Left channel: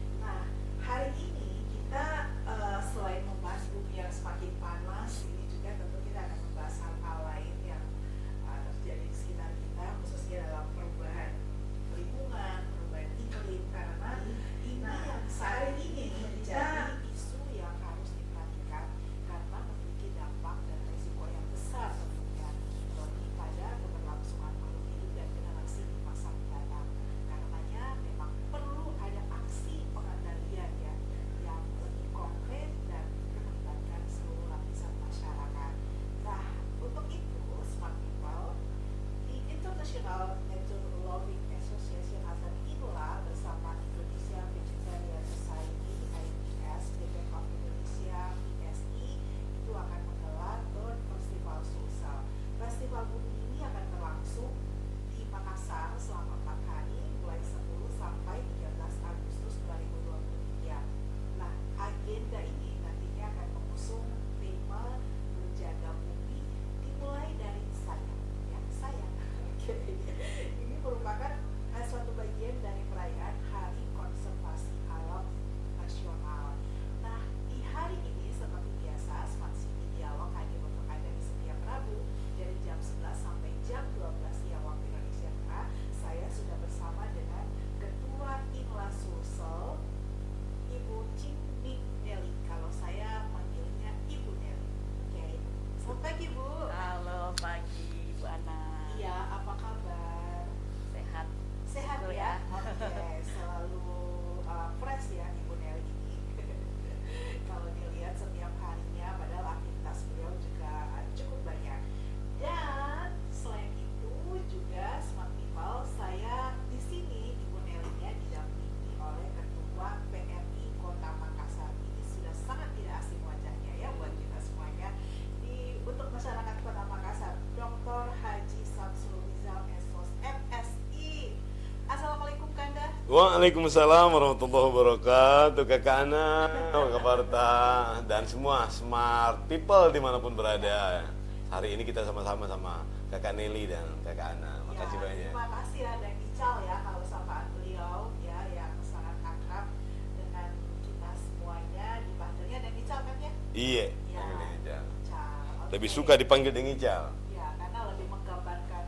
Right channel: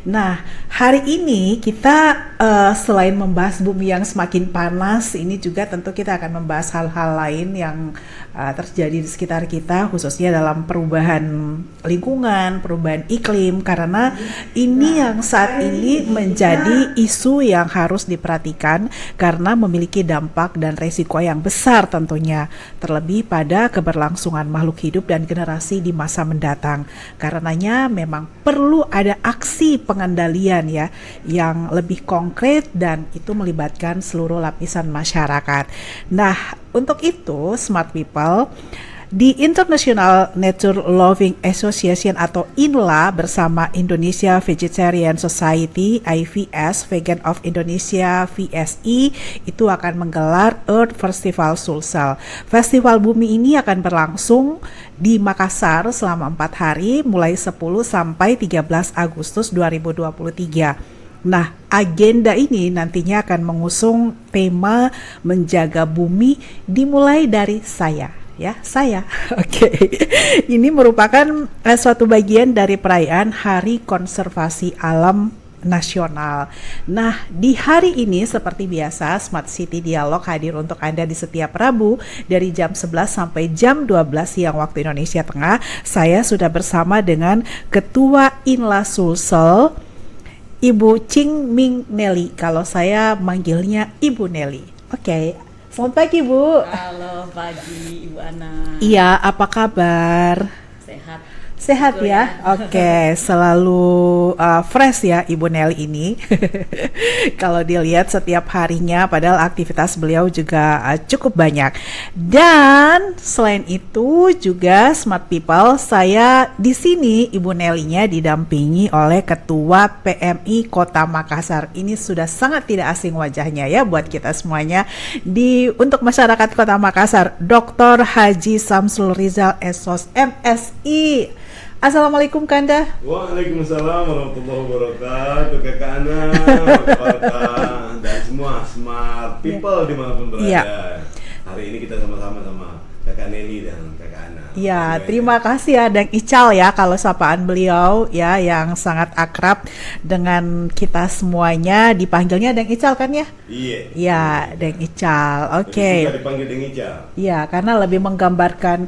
Nah, hari ini kita selain membahas bumi yang semakin panas, ini juga tentu kita akan membahas hal-hal lain yang terjadi di sekitar kita, khususnya dalam perubahan lingkungan, perubahan iklim, karena ini yang saat ini menjadi isu yang harus diperhatikan karena memiliki dampak dan resiko yang besar tentunya, terlebih pada keberlangsungan makhluk hidup dan generasi di masa mendatang. Karenanya memang perlu ada aksi pengendalian ya yang lebih konkret dan itu melibatkan seluruh lapisan masyarakat. Nah, untuk itu Smart People di International Nature Loving Association atau INLA bersama Indonesia Vegetarian Society IVS Vegan of Indonesia VSI itu akan menggelar Earth Festival Sulsel. Festival bumi ini akan berlangsung di Makassar selama 4 hari mulai 10 sampai 13 Agustus 2023. Nah, agenda ini nantinya akan mengusung tema menjaga bumi dimulai dari saya. Ya, saya. Oke. Ini merupakan suatu bagian dari perayaan Hari Konservasi Alam Nasional. Nah, di hari ini seperti biasa Smart City Dialog hadir untuk Anda di setiap Rabu dari jam 11 sampai jam 12 siang waktu Indonesia Tengah. Saya sudah bersama dengan Ketua Inla Sulsel, Ibu Ching Ming Nelly. Kalau saya manggilnya Ibu Nelly. Oke. Selamat pagi, Bu. Halo pagi Ibu Ana. Iya, apa kabar? Sehat. Sehat Syukur ya? Oke, selalu fresh ya Ibu Nelly ini. Kalau dilihat setiap harinya, padahal aktivitas beliau juga cukup banyak. Dan selain itu juga Smart People, saya di sini Ibu Nelly-nya didampingi oleh Ketua PMI Kota Makassar. Ini sudah sangat tidak asing wajahnya ya buat kita semuanya. Untuk masyarakat Kota Makassar, Dr. Haji Samsul Rizal SOS MSI. Assalamualaikum Kanda. Waalaikumsalam warahmatullahi wabarakatuh, Kakak Ana, dan semua Smart People dimanapun berada. Iya. Hari ini kita sama-sama sama Kakak Neni dan Kakak Ana. Ya, terima kasih ya Deng Ical ya kalau sapaan beliau ya yang sangat akrab dengan kita semuanya, dipanggilnya Deng Ical kan ya? Iya. Ya, Deng Ical. Oke. Suka dipanggil dengan Ical. Ya, karena lebih menggambarkan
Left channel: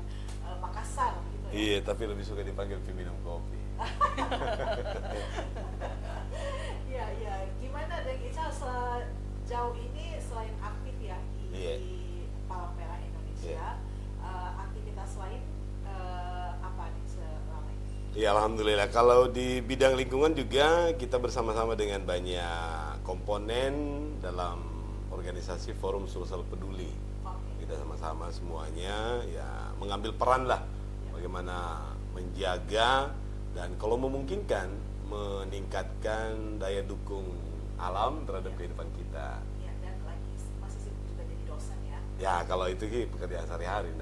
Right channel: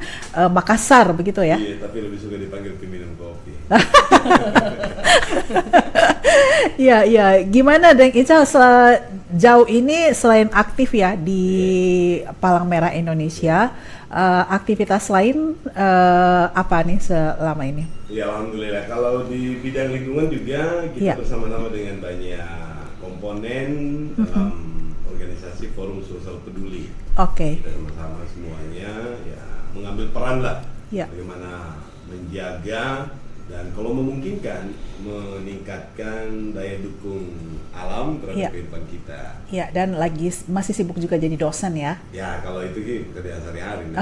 Makassar begitu ya. Iya, tapi lebih suka dipanggil peminum kopi. Iya, iya. Gimana Deng Ical sejauh ini selain aktif ya di Palang Merah Indonesia, aktivitas lain apa nih selama ini? Ya, alhamdulillah. Kalau di bidang lingkungan juga kita Iya. bersama-sama dengan banyak komponen dalam organisasi Forum Sosial Peduli. Oke. Kita sama-sama semuanya ya mengambil peran lah Ya. bagaimana menjaga dan kalau memungkinkan meningkatkan daya dukung alam terhadap Ya. kehidupan kita. Ya, dan masih sibuk juga jadi dosen ya. Ya, kalau itu sih kerja sehari-hari.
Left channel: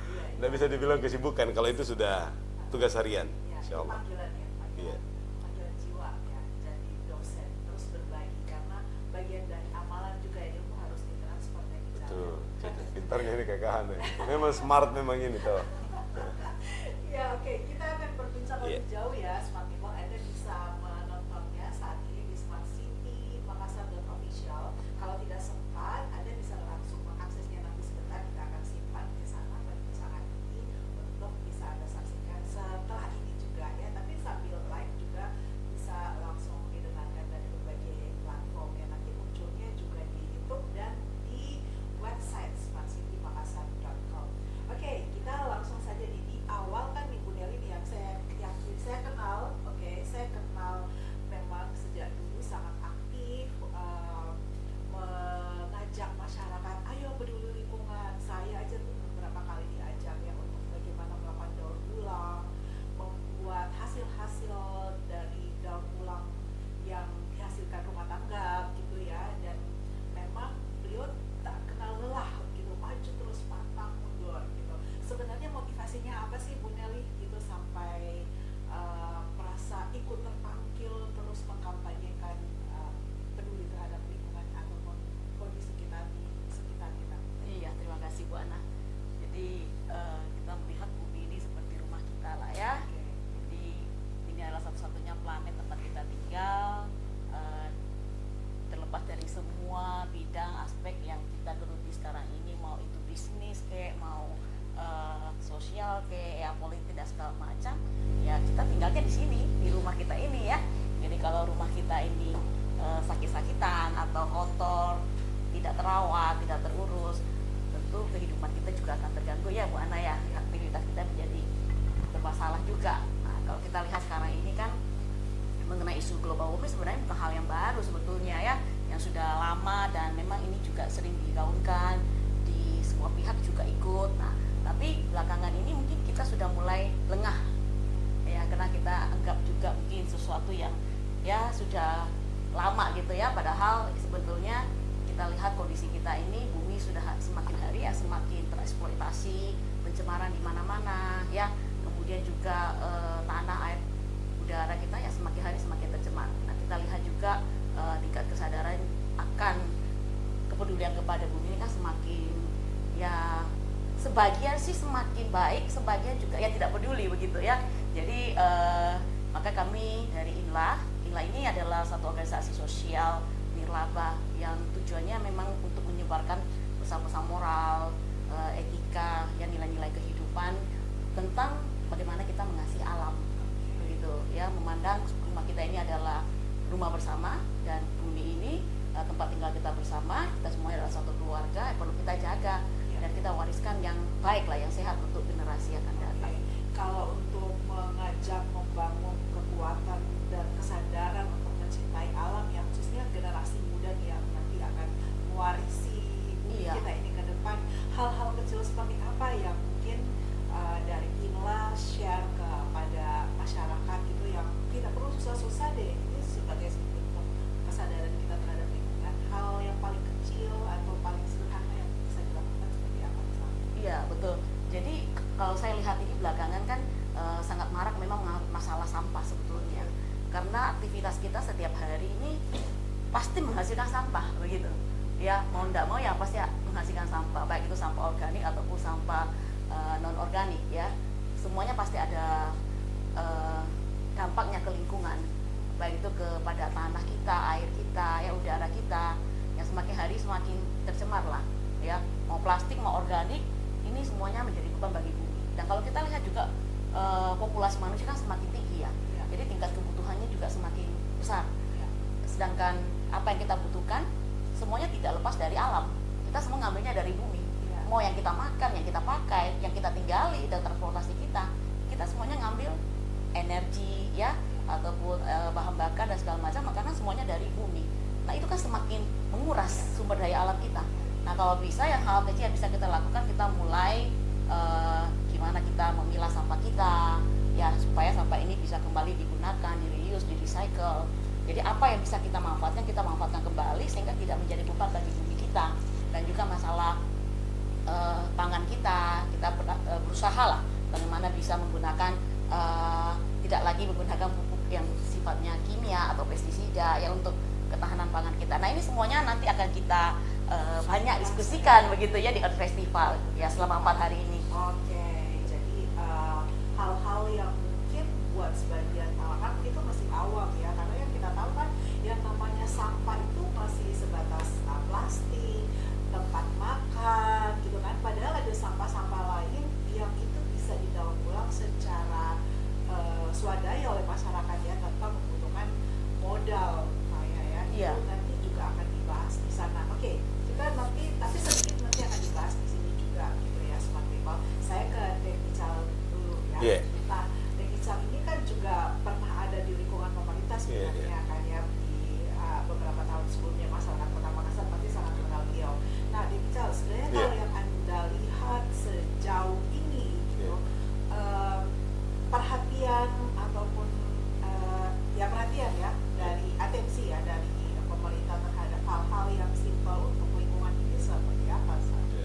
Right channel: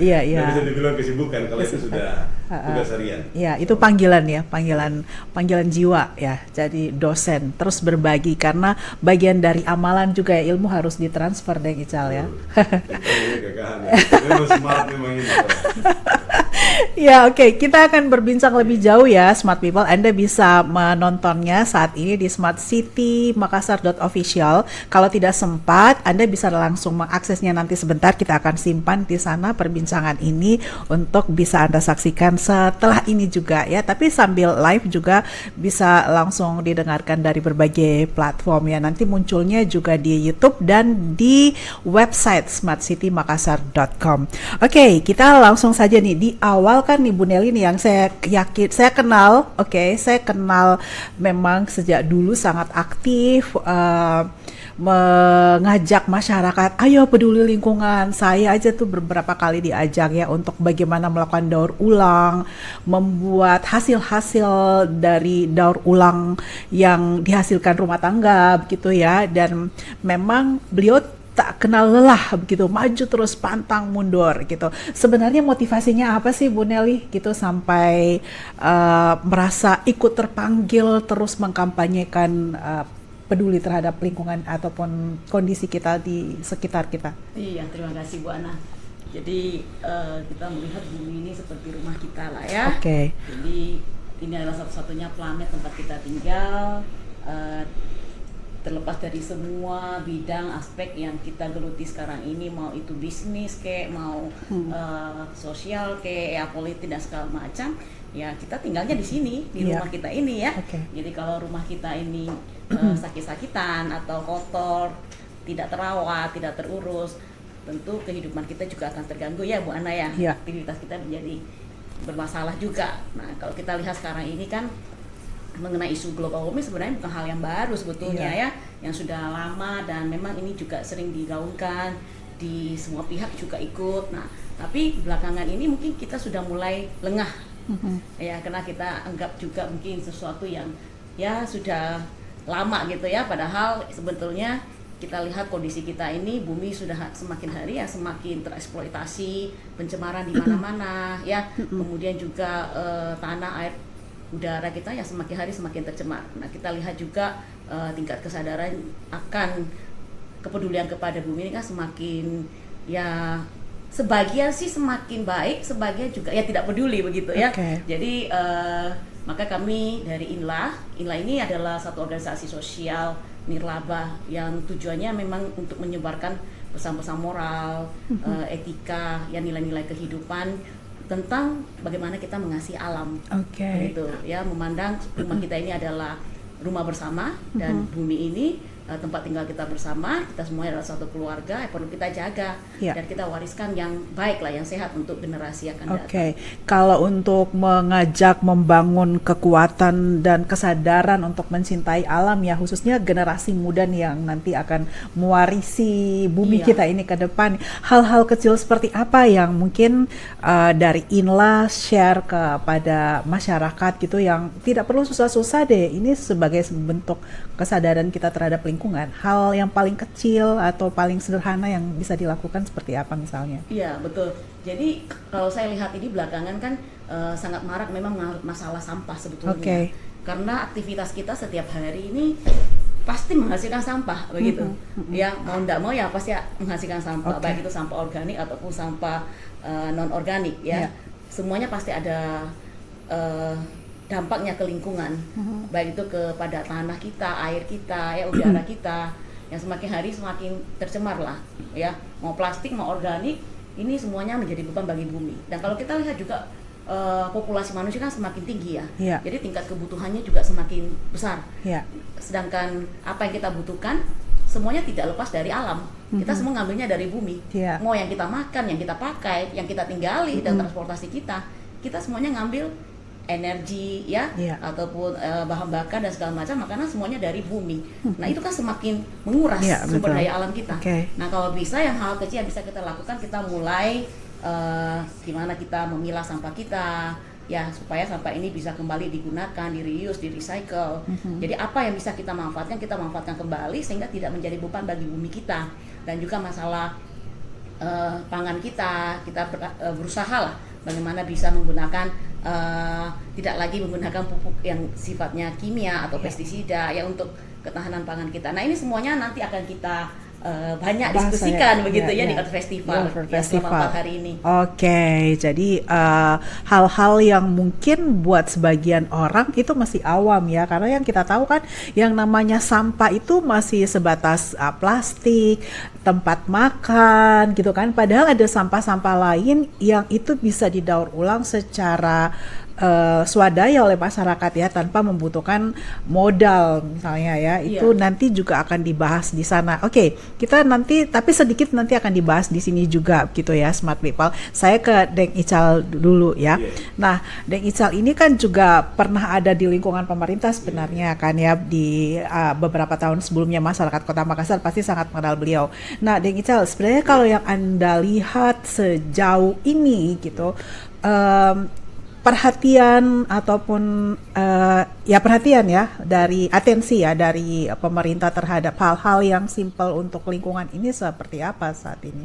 Iya, iya. Nggak bisa dibilang kesibukan kalau itu sudah tugas harian. Ya, itu panggilan ya, panggilan jiwa ya. Jadi dosen terus berbagi karena bagian dari amalan juga ya, ilmu harus ditransfer deh Ical ya. Memang smart memang ini. Ya, oke. Kita akan berbincang lebih jauh ya, Smart People. Anda bisa menontonnya saat ini di smartcitymakassar.official. Kalau tidak sempat, Anda bisa langsung mengaksesnya nanti sebentar. Kita akan simpan di sana perbincangan ini untuk bisa Anda saksikan setelah ini juga ya. Tapi sambil live juga bisa langsung didengarkan dari berbagai platform ya. Nanti munculnya juga di YouTube dan di website smartcitymakassar.com. Oke, kita langsung saja nih di awal kan Ibu Nelly nih yang saya yakin saya kenal, saya kenal memang sejak dulu sangat aktif mengajak masyarakat, ayo peduli lingkungan. Saya aja tuh beberapa kali diajak ya untuk bagaimana melakukan daur ulang, membuat hasil-hasil dari daur ulang yang dihasilkan rumah tangga begitu ya. Dan memang beliau tak kenal lelah begitu, maju terus pantang mundur gitu. Sebenarnya motivasinya apa sih Bu Nelly gitu sampai merasa ikut terpanggil terus mengkampanyekan peduli terhadap lingkungan ataupun kondisi kita di sekitar kita? Iya, terima kasih Bu Ana. Jadi kita melihat bumi ini seperti rumah kita lah ya. Oke. Jadi ini adalah satu-satunya planet tempat kita tinggal, terlepas dari semua bidang aspek yang kita geluti sekarang ini, mau itu bisnis kayak mau sosial kayak ya politik dan segala macam, ya kita tinggalnya di sini di rumah kita ini ya. Jadi kalau rumah kita ini sakit-sakitan atau kotor, tidak terawat, tidak terurus, tentu kehidupan kita juga akan terganggu ya Bu Ana ya. Aktivitas kita menjadi bermasalah juga. Nah kalau kita lihat sekarang ini kan mengenai isu global warming sebenarnya bukan hal yang baru sebetulnya ya, yang sudah lama dan memang ini juga sering digaungkan di semua pihak juga ikut. Nah, tapi belakangan ini mungkin kita sudah mulai lengah ya, karena kita anggap juga mungkin sesuatu yang ya sudah lama gitu ya, padahal sebetulnya kita lihat kondisi kita ini, bumi sudah semakin hari ya semakin tereksploitasi, pencemaran di mana-mana ya, kemudian juga tanah air udara kita ya semakin hari semakin tercemar. Nah kita lihat juga tingkat kesadaran akan kepedulian kepada bumi ini kan semakin ya, sebagian sih semakin baik, sebagian juga ya tidak peduli begitu ya. Jadi maka kami dari INLA ini adalah satu organisasi sosial nirlaba yang tujuannya memang untuk menyebarkan pesan-pesan moral, etika, ya nilai-nilai kehidupan tentang bagaimana kita mengasihi alam, gitu ya, memandang rumah kita ini adalah rumah bersama dan bumi ini tempat tinggal kita bersama, kita semuanya adalah satu keluarga yang perlu kita jaga dan kita wariskan yang baik lah, yang sehat untuk generasi yang akan datang. Kalau untuk mengajak membangun kekuatan dan kesadaran untuk mencintai alam ya, khususnya generasi muda yang nanti akan mewarisi bumi kita ini ke depan, hal-hal kecil seperti apa yang mungkin dari INLA share kepada masyarakat gitu, yang tidak perlu susah-susah deh, ini sebagai bentuk kesadaran kita terhadap lingkungan, hal yang paling kecil atau paling sederhana yang bisa dilakukan seperti apa misalnya? Iya betul. Jadi kalau saya lihat ini belakangan kan sangat marak memang masalah sampah sebetulnya. Karena aktivitas kita setiap hari ini pasti menghasilkan sampah begitu. Ya mau tidak mau ya pasti menghasilkan sampah, baik itu sampah organik ataupun sampah non organik ya. Semuanya pasti ada dampaknya ke lingkungan, baik itu kepada tanah kita, air kita, ya udara kita, yang semakin hari semakin tercemar lah, ya mau plastik mau organik, ini semuanya menjadi beban bagi bumi. Dan kalau kita lihat juga populasi manusia kan semakin tinggi ya, jadi tingkat kebutuhannya juga semakin besar. Sedangkan apa yang kita butuhkan semuanya tidak lepas dari alam. Kita semua ngambilnya dari bumi. Mau yang kita makan, yang kita pakai, yang kita tinggali dan transportasi kita semuanya ngambil energi ya, ataupun bahan bakar dan segala macam makanan semuanya dari bumi. Nah itu kan semakin menguras sumber daya alam kita. Nah kalau bisa yang hal kecil yang bisa kita lakukan, kita mulai gimana kita memilah sampah kita ya, supaya sampah ini bisa kembali digunakan, di reuse, di recycle. Jadi apa yang bisa kita manfaatkan kembali sehingga tidak menjadi beban bagi bumi kita. Dan juga masalah pangan kita berusaha lah bagaimana bisa menggunakan tidak lagi menggunakan pupuk yang sifatnya kimia atau pestisida ya untuk ketahanan pangan kita. Nah ini semuanya nanti akan kita banyak diskusikan begitu ya di Earth Festival hari ini. Jadi hal-hal yang mungkin buat sebagian orang itu masih awam ya, karena yang kita tahu kan yang namanya sampah itu masih sebatas plastik, tempat makan gitu kan, padahal ada sampah-sampah lain yang itu bisa didaur ulang secara swadaya oleh masyarakat ya, tanpa membutuhkan modal misalnya ya. Itu nanti juga akan dibahas di sana. Kita nanti tapi sedikit nanti akan dibahas di sini juga gitu ya, Smart People. Saya ke Deng Ical dulu ya. Nah, Deng Ical ini kan juga pernah ada di lingkungan pemerintah sebenarnya kan ya, di beberapa tahun sebelumnya masyarakat Kota Makassar pasti sangat mengenal beliau. Nah, Deng Ical, sebenarnya kalau yang Anda lihat sejauh ini gitu, perhatian ataupun perhatian ya dari atensi ya dari pemerintah terhadap hal-hal yang simpel untuk lingkungan ini seperti apa saat ini?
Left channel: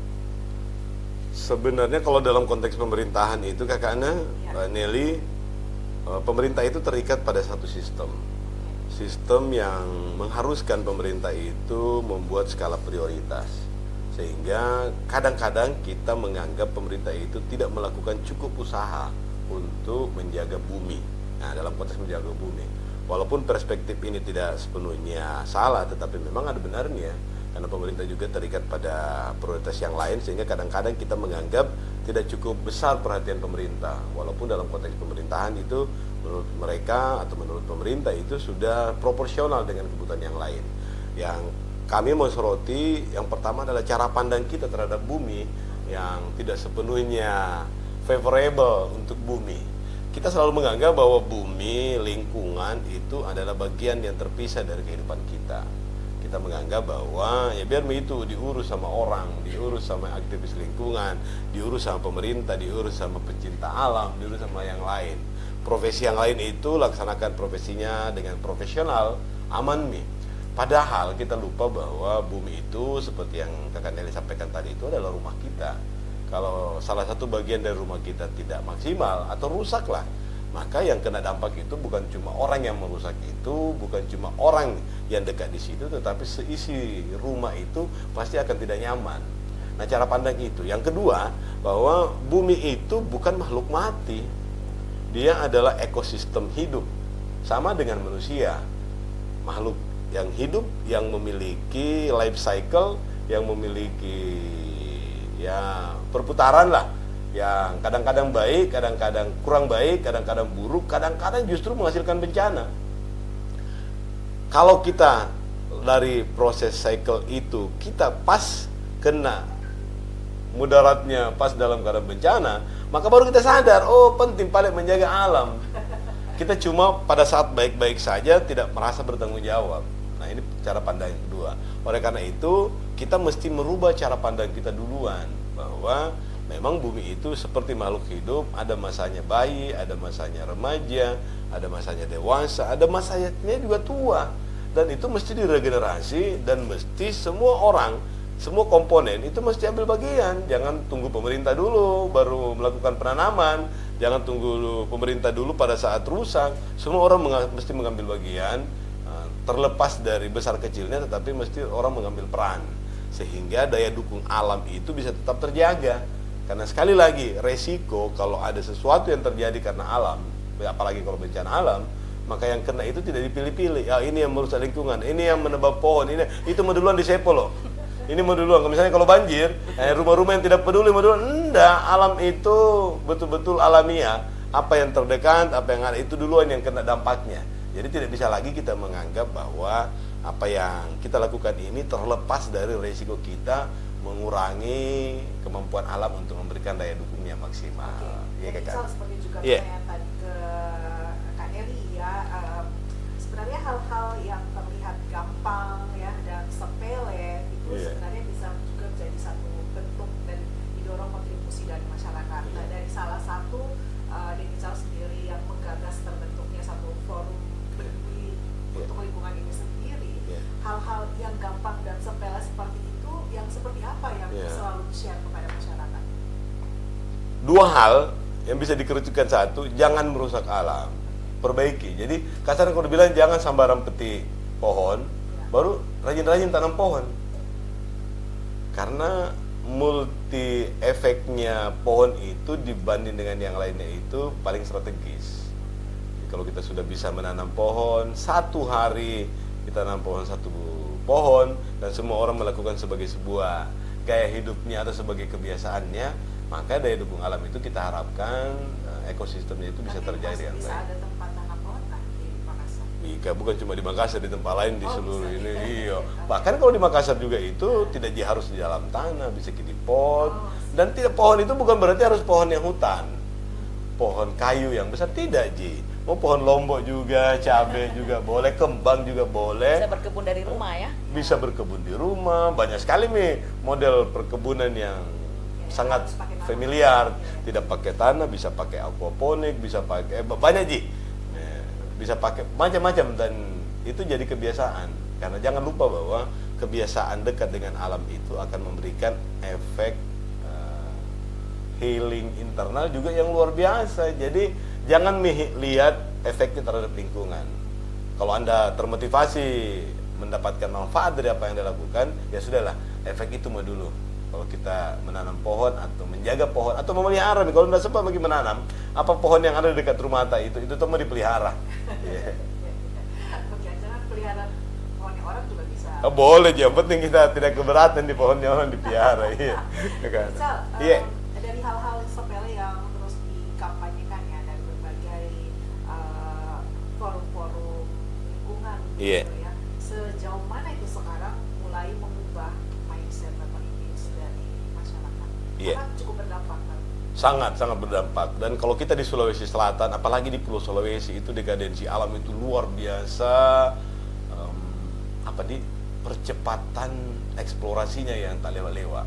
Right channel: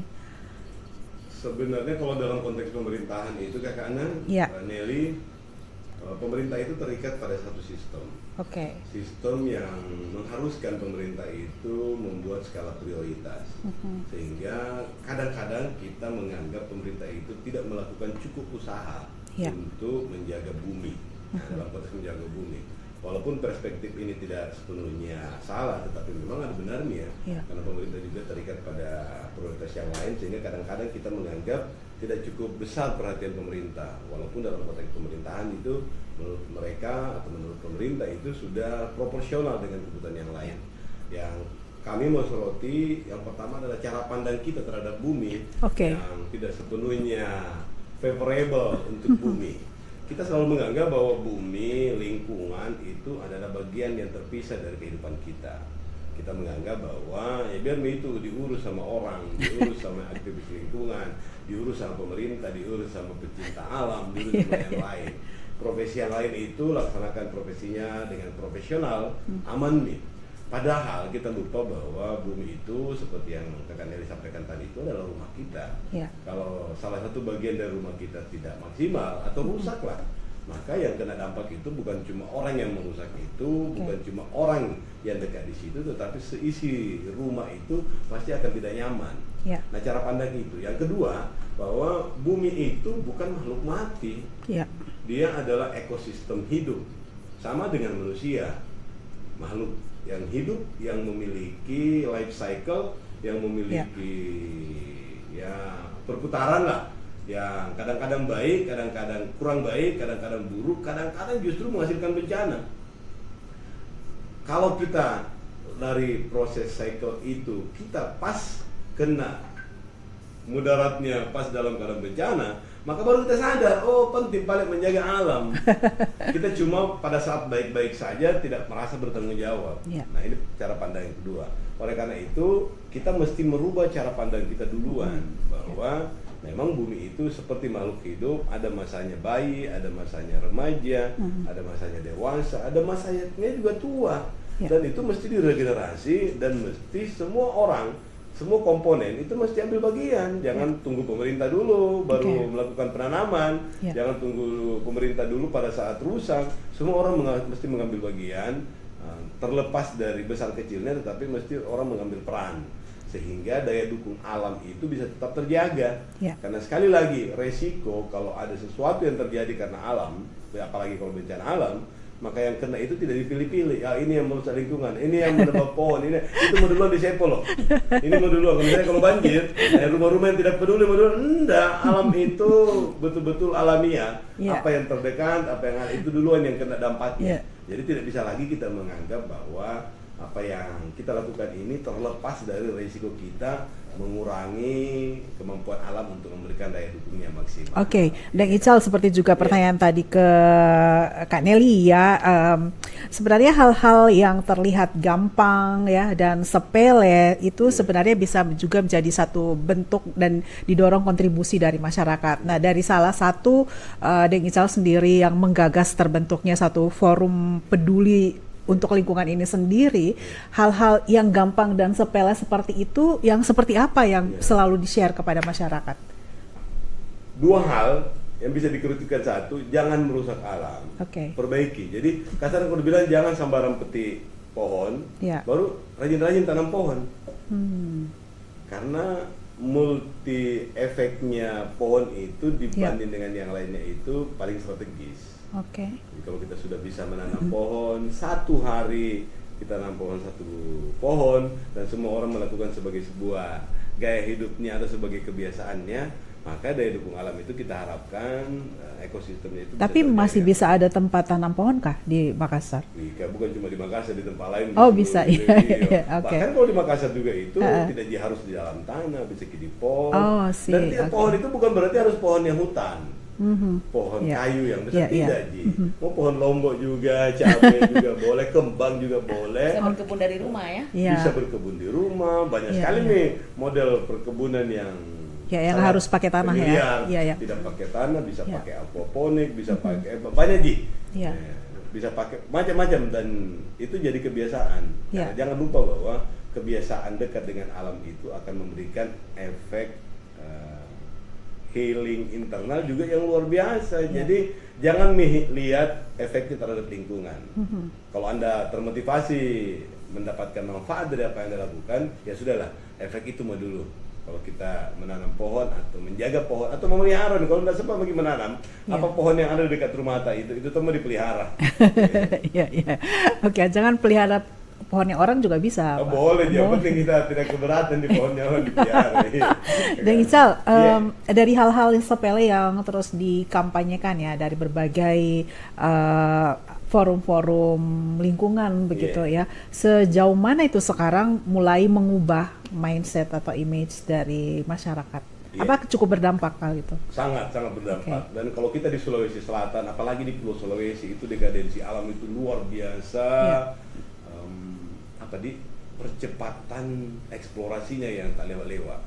Sebenarnya kalau dalam konteks pemerintahan itu Kakak Ana, Nelly, pemerintah itu terikat pada satu sistem. Sistem yang mengharuskan pemerintah itu membuat skala prioritas. Sehingga kadang-kadang kita menganggap pemerintah itu tidak melakukan cukup usaha untuk menjaga bumi. Nah, dalam konteks menjaga bumi. Walaupun perspektif ini tidak sepenuhnya salah, tetapi memang ada benarnya. Karena pemerintah juga terikat pada prioritas yang lain, sehingga kadang-kadang kita menganggap tidak cukup besar perhatian pemerintah. Walaupun dalam konteks pemerintahan itu menurut mereka atau menurut pemerintah itu sudah proporsional dengan kebutuhan yang lain. Yang kami mau soroti, yang pertama adalah cara pandang kita terhadap bumi yang tidak sepenuhnya favorable untuk bumi. Kita selalu menganggap bahwa bumi, lingkungan itu adalah bagian yang terpisah dari kehidupan kita. Kita menganggap bahwa ya biar itu diurus sama orang, diurus sama aktivis lingkungan, diurus sama pemerintah, diurus sama pecinta alam, diurus sama yang lain. Profesi yang lain itu laksanakan profesinya dengan profesional, aman nih. Padahal kita lupa bahwa bumi itu seperti yang Kakak Nelly sampaikan tadi itu adalah rumah kita. Kalau salah satu bagian dari rumah kita tidak maksimal atau rusak lah, maka yang kena dampak itu bukan cuma orang yang merusak itu, bukan cuma orang yang dekat di situ, tetapi seisi rumah itu pasti akan tidak nyaman. Nah, cara pandang itu. Yang kedua, bahwa bumi itu bukan makhluk mati. Dia adalah ekosistem hidup, sama dengan manusia, makhluk yang hidup, yang memiliki life cycle, yang memiliki ya perputaran lah, yang kadang-kadang baik, kadang-kadang kurang baik, kadang-kadang buruk, kadang-kadang justru menghasilkan bencana. Kalau kita dari proses cycle itu kita pas kena mudaratnya pas dalam keadaan bencana, maka baru kita sadar, oh penting pada menjaga alam. Kita cuma pada saat baik-baik saja tidak merasa bertanggung jawab. Nah, ini cara pandang kedua. Oleh karena itu kita mesti merubah cara pandang kita duluan, bahwa memang bumi itu seperti makhluk hidup, ada masanya bayi, ada masanya remaja, ada masanya dewasa, ada masanya juga tua. Dan itu mesti diregenerasi, dan mesti semua orang, semua komponen itu mesti ambil bagian. Jangan tunggu pemerintah dulu baru melakukan penanaman, jangan tunggu pemerintah dulu pada saat rusak. Semua orang mesti mengambil bagian, terlepas dari besar kecilnya, tetapi mesti orang mengambil peran, sehingga daya dukung alam itu bisa tetap terjaga. Karena sekali lagi, resiko kalau ada sesuatu yang terjadi karena alam, apalagi kalau bencana alam, maka yang kena itu tidak dipilih-pilih. Ini yang merusak lingkungan, ini yang menebak pohon, itu mau duluan di Sepo loh. Ini mau duluan. Misalnya kalau banjir, rumah-rumah yang tidak peduli mau duluan. Enggak, alam itu betul-betul alamiah. Apa yang terdekat, apa yang ada itu duluan yang kena dampaknya. Jadi tidak bisa lagi kita menganggap bahwa apa yang kita lakukan ini terlepas dari risiko kita mengurangi kemampuan alam untuk memberikan daya dukung yang maksimal. Dan Ical, seperti juga pertanyaan tadi ke Kak Nelly ya, sebenarnya hal-hal yang terlihat gampang ya dan sepele itu sebenarnya bisa juga menjadi satu bentuk dan didorong kontribusi dari masyarakat. Nah, dari salah satu Deng Ical sendiri yang menggagas terbentuknya satu forum peduli untuk lingkungan ini sendiri, hal-hal yang gampang dan sepele seperti itu yang seperti apa yang selalu di-share kepada masyarakat? Dua hal yang bisa dikerucutkan. Satu, jangan merusak alam, perbaiki. Jadi kasar kalau bilang jangan sembarang petik pohon, baru rajin-rajin tanam pohon. Karena multi efeknya pohon itu dibanding dengan yang lainnya itu paling strategis. Kalau kita sudah bisa menanam pohon, satu hari kita tanam pohon satu pohon, dan semua orang melakukan sebagai sebuah gaya hidupnya atau sebagai kebiasaannya, maka dari dukung alam itu kita harapkan ekosistemnya itu. Tapi masih bisa ada tempat tanam pohon kah di Makassar? Iya, bukan cuma di Makassar, di tempat lain. Bisa. Bahkan kalau di Makassar juga itu tidak harus di dalam tanah, bisa di pohon. Dan pohon itu bukan berarti harus pohon yang hutan. Pohon kayu yang tidak pohon lombok juga, cabai juga boleh, kembang juga boleh. Bisa berkebun dari rumah ya? Bisa berkebun di rumah, banyak sekali nih model perkebunan yang harus pakai tanah tidak pakai tanah, bisa pakai aquaponik, bisa pakai banyak bisa pakai macam-macam, dan itu jadi kebiasaan. Karena jangan lupa bahwa kebiasaan dekat dengan alam itu akan memberikan efek healing internal juga yang luar biasa. Jadi jangan lihat efeknya terhadap lingkungan. Kalau Anda termotivasi mendapatkan manfaat dari apa yang Anda lakukan, ya sudahlah, efek itu mau dulu. Kalau kita menanam pohon atau menjaga pohon atau memelihara, kalau tidak sempat bagi menanam, apa pohon yang ada di dekat rumah itu tempat dipelihara. Iya, iya. Oke, jangan pelihara pohonnya orang juga bisa. Boleh, yang penting kita tidak keberatan di pohonnya orang dipelihara. Iya. Dan Ical, dari hal-hal yang sepele yang terus dikampanyekan ya dari berbagai forum-forum lingkungan begitu ya, sejauh mana itu sekarang mulai mengubah mindset atau image dari masyarakat? Apa cukup berdampak hal itu? Sangat berdampak. Dan kalau kita di Sulawesi Selatan, apalagi di Pulau Sulawesi, itu degadensi alam itu luar biasa. Percepatan eksplorasinya yang tak lewat.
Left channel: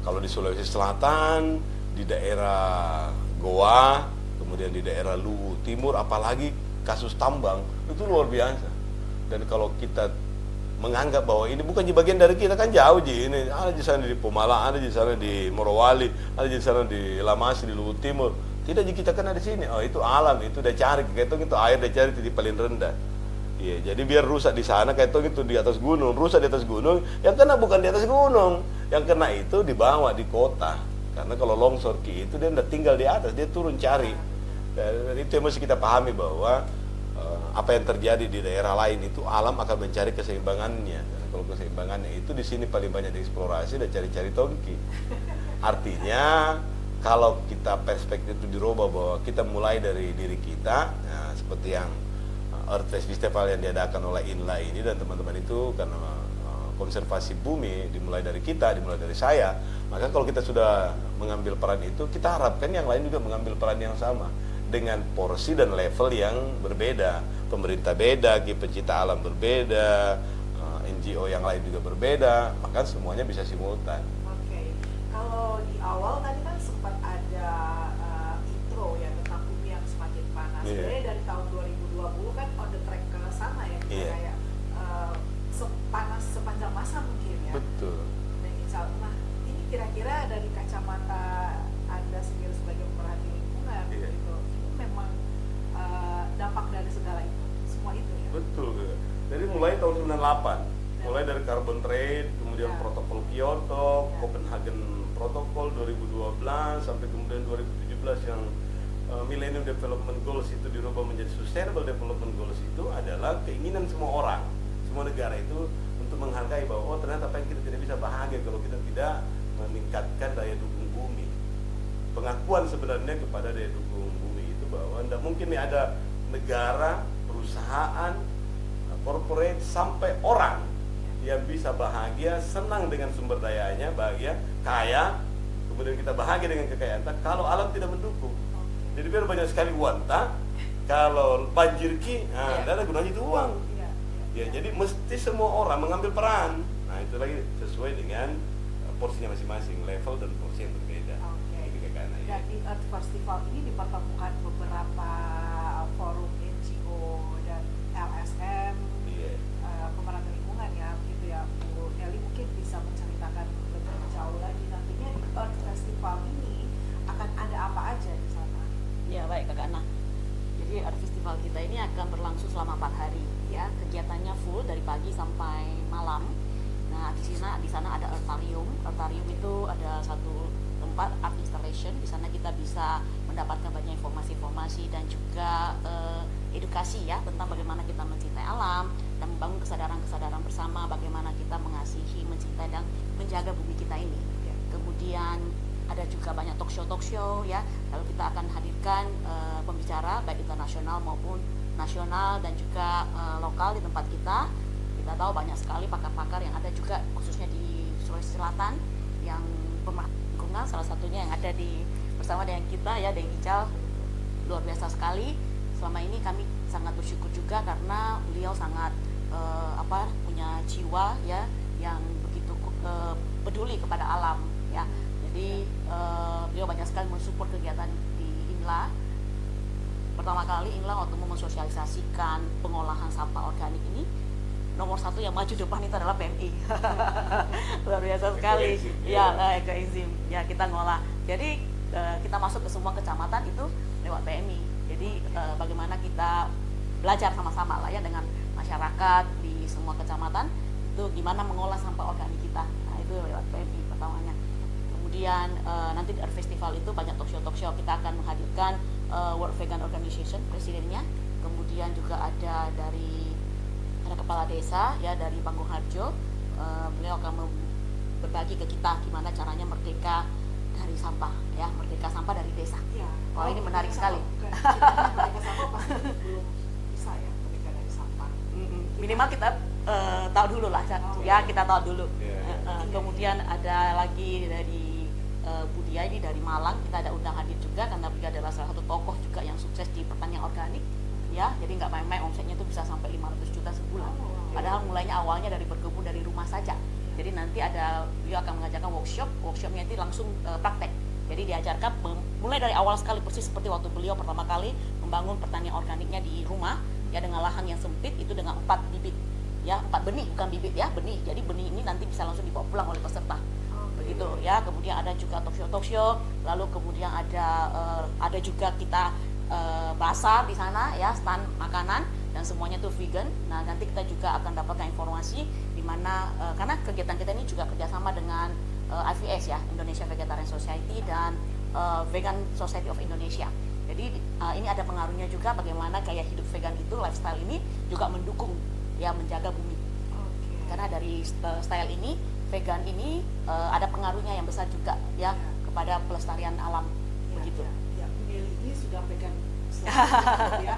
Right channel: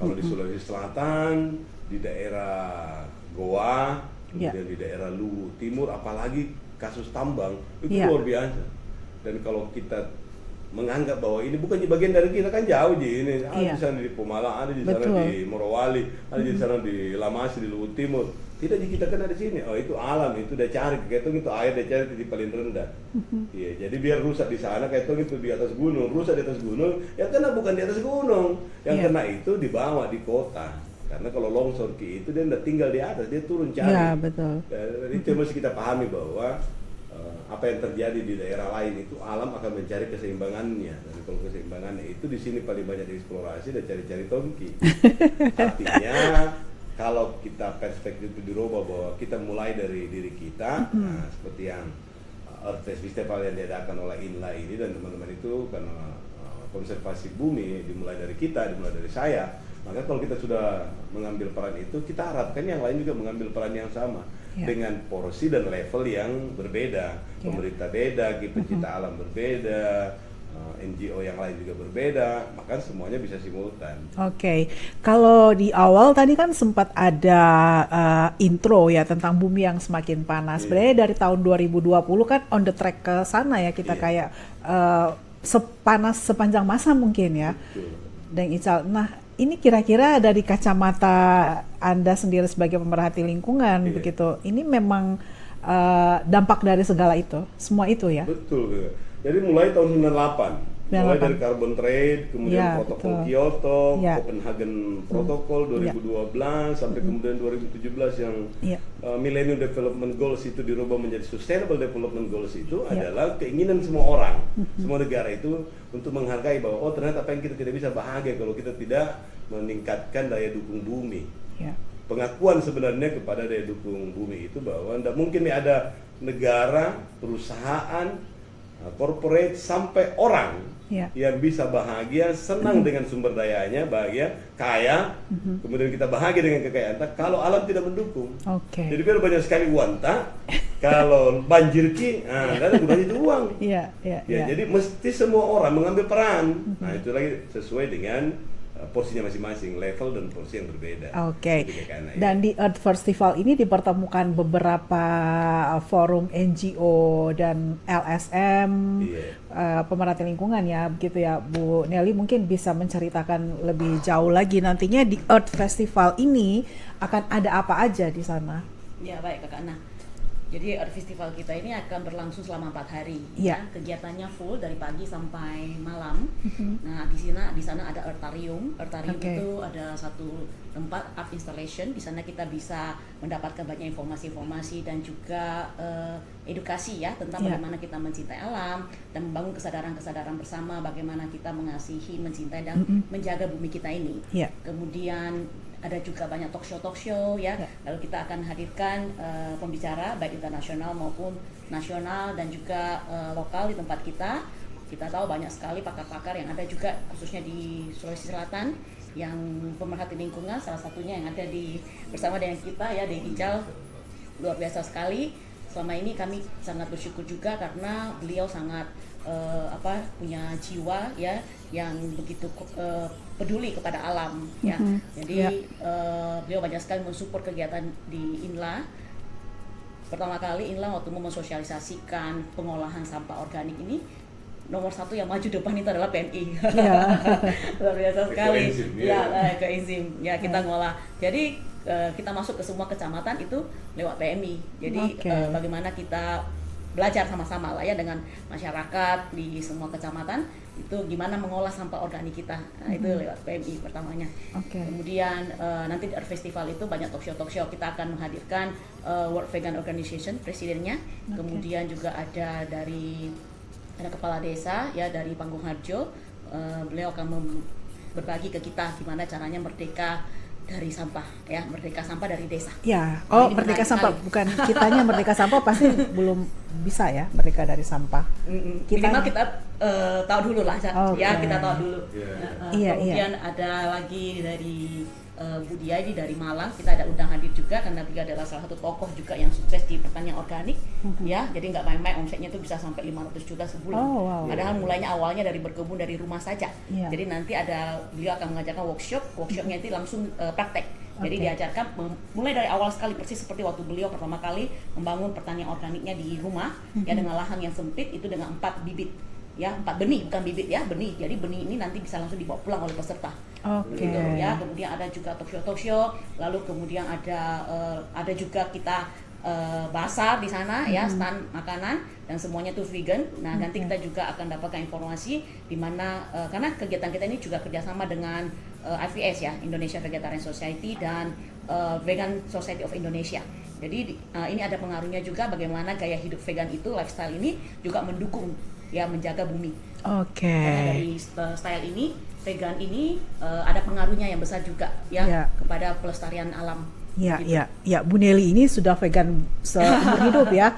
Kalau di Sulawesi Selatan, di daerah Goa, kemudian di daerah Luwu Timur, apalagi kasus tambang itu luar biasa. Dan kalau kita menganggap bahwa ini bukan bagian dari kita, kan jauh ini. Ada di sana di Pemalang, ada di sana di Morowali, ada di sana di Lamasi, di Luwu Timur. Tidak kita kan di sini. Oh, itu alam, itu udah cari, kayak itu air udah cari di paling rendah. Ya, jadi biar rusak di sana, kayak itu di atas gunung, rusak di atas gunung, yang kena bukan di atas gunung, yang kena itu di bawah di kota. Karena kalau longsor itu dia udah tinggal di atas, dia turun cari. Itu yang mesti kita pahami bahwa apa yang terjadi di daerah lain itu alam akan mencari keseimbangannya. Kalau keseimbangannya itu di sini paling banyak eksplorasi dan cari-cari tongki. Artinya kalau kita perspektif itu dirubah bahwa kita mulai dari diri kita, nah seperti yang Earth Festival yang diadakan oleh INLA ini dan teman-teman itu karena konservasi bumi dimulai dari kita, dimulai dari saya. Maka kalau kita sudah mengambil peran itu, kita harapkan yang lain juga mengambil peran yang sama dengan porsi dan level yang berbeda. Pemerintah beda, pecinta alam berbeda, NGO yang lain juga berbeda, maka semuanya bisa simultan. Oke. Kalau di awal tadi kan sempat ada intro ya tentang bumi yang semakin panas. Sebenarnya dari tahun 2020 kan on the track ke sana ya kita kayak sepanas sepanjang masa mungkin ya. Betul. Dan Ical, nah ini kira-kira dari kacamata Anda sendiri sebagai pemerhati lingkungan begitu, ini memang dampak dari segala itu, semua itu ya? Betul. Jadi mulai tahun 98. Mulai dari carbon trade, kemudian protokol Kyoto, Copenhagen Protocol 2012 sampai kemudian 2017 yang Millennium Development Goals itu dirubah menjadi Sustainable Development Goals itu adalah keinginan semua orang, semua negara itu untuk menghargai bahwa oh ternyata apa yang kita tidak bisa bahagia kalau kita tidak meningkatkan daya dukung bumi. Pengakuan sebenarnya kepada daya dukung bumi itu bahwa tidak mungkin ada negara, perusahaan, corporate sampai orang yang bisa bahagia, senang dengan sumber dayanya, bahagia, kaya, kemudian kita bahagia dengan kekayaan kalau alam tidak mendukung. Jadi biar banyak sekali wanta, kalau banjir kan banyak uang. Jadi mesti semua orang mengambil peran. Nah itu lagi sesuai dengan porsinya masing-masing, level dan porsi yang berbeda. Dan di Earth Festival ini dipertemukan beberapa forum NGO dan LSM, pemerhati lingkungan ya, begitu ya Bu Nelly, mungkin bisa menceritakan lebih jauh lagi nantinya di Earth Festival ini akan ada apa aja di sana? Ya baik Kak Ana. Jadi Earth Festival kita ini akan berlangsung selama 4 hari. Kegiatannya full dari pagi sampai malam. Nah di sana ada Eartharium. Eartharium itu adalah satu tempat art installation. Di sana kita bisa mendapatkan banyak informasi-informasi dan juga edukasi ya tentang bagaimana kita mencintai alam dan membangun kesadaran-kesadaran bersama bagaimana kita mengasihi, mencintai dan menjaga bumi kita ini. Kemudian ada juga banyak talk show ya. Lalu kita akan hadirkan pembicara baik internasional maupun nasional dan juga lokal di tempat kita. Kita tahu banyak sekali pakar-pakar yang ada juga khususnya di Sulawesi Selatan yang pemerhati lingkungan, salah satunya yang ada bersama dengan kita ya di Ical, luar biasa sekali. Selama ini kami sangat bersyukur juga karena beliau sangat punya jiwa ya yang begitu peduli kepada alam ya. Jadi beliau banyak sekali mensupport kegiatan di INLA. Pertama kali INLA waktu mensosialisasikan pengolahan sampah organik ini, nomor 1 yang maju depan itu adalah PMI. Luar biasa sekali. Koenzim. Ya kita ngolah. Jadi kita masuk ke semua kecamatan itu lewat PMI. Jadi bagaimana kita belajar sama-sama lah ya dengan masyarakat di semua kecamatan itu itu gimana mengolah sampah organik kita. Nah, itu PMI pertamanya. Kemudian nanti di Art Festival itu banyak talk show. Kita akan menghadirkan World Vegan Organization presidennya. Kemudian juga ada kepala desa ya dari Panggung Harjo. Beliau akan berbagi ke kita gimana caranya merdeka dari sampah, ya, merdeka sampah dari desa. Ya, merdeka sampah, bukan kitanya merdeka sampah pasti belum bisa ya, merdeka dari sampah. Minimal kita tahu dulu lah, ya kita tahu dulu. Kemudian ada lagi dari Budiaya dari Malang, kita ada undang hadir juga karena dia adalah salah satu tokoh juga yang sukses di pertanian organik, ya, jadi nggak main-main, omsetnya itu bisa sampai 500 juta sebulan. Padahal mulainya awalnya dari berkebun dari rumah saja. Jadi nanti beliau akan mengajarkan workshopnya itu langsung praktek. Jadi diajarkan mulai dari awal sekali persis seperti waktu beliau pertama kali membangun pertanian organiknya di rumah, ya, dengan lahan yang sempit itu dengan 4 bibit. Ya, 4 benih, bukan bibit ya, benih. Jadi benih ini nanti bisa langsung dibawa pulang oleh peserta. Gitu, ya. Kemudian ada juga talk show, lalu kemudian ada juga kita basar di sana, ya, stand makanan dan semuanya itu vegan. Nah, nanti kita juga akan dapatkan informasi di mana karena kegiatan kita ini juga kerjasama dengan IVS ya, Indonesia Vegetarian Society dan Vegan Society of Indonesia. Jadi ini ada pengaruhnya juga bagaimana gaya hidup vegan itu, lifestyle ini juga mendukung ya menjaga bumi. Dari style ini, vegan ini ada pengaruhnya yang besar juga ya kepada pelestarian alam. Ya, Bu Nelly ini sudah vegan seumur hidup ya.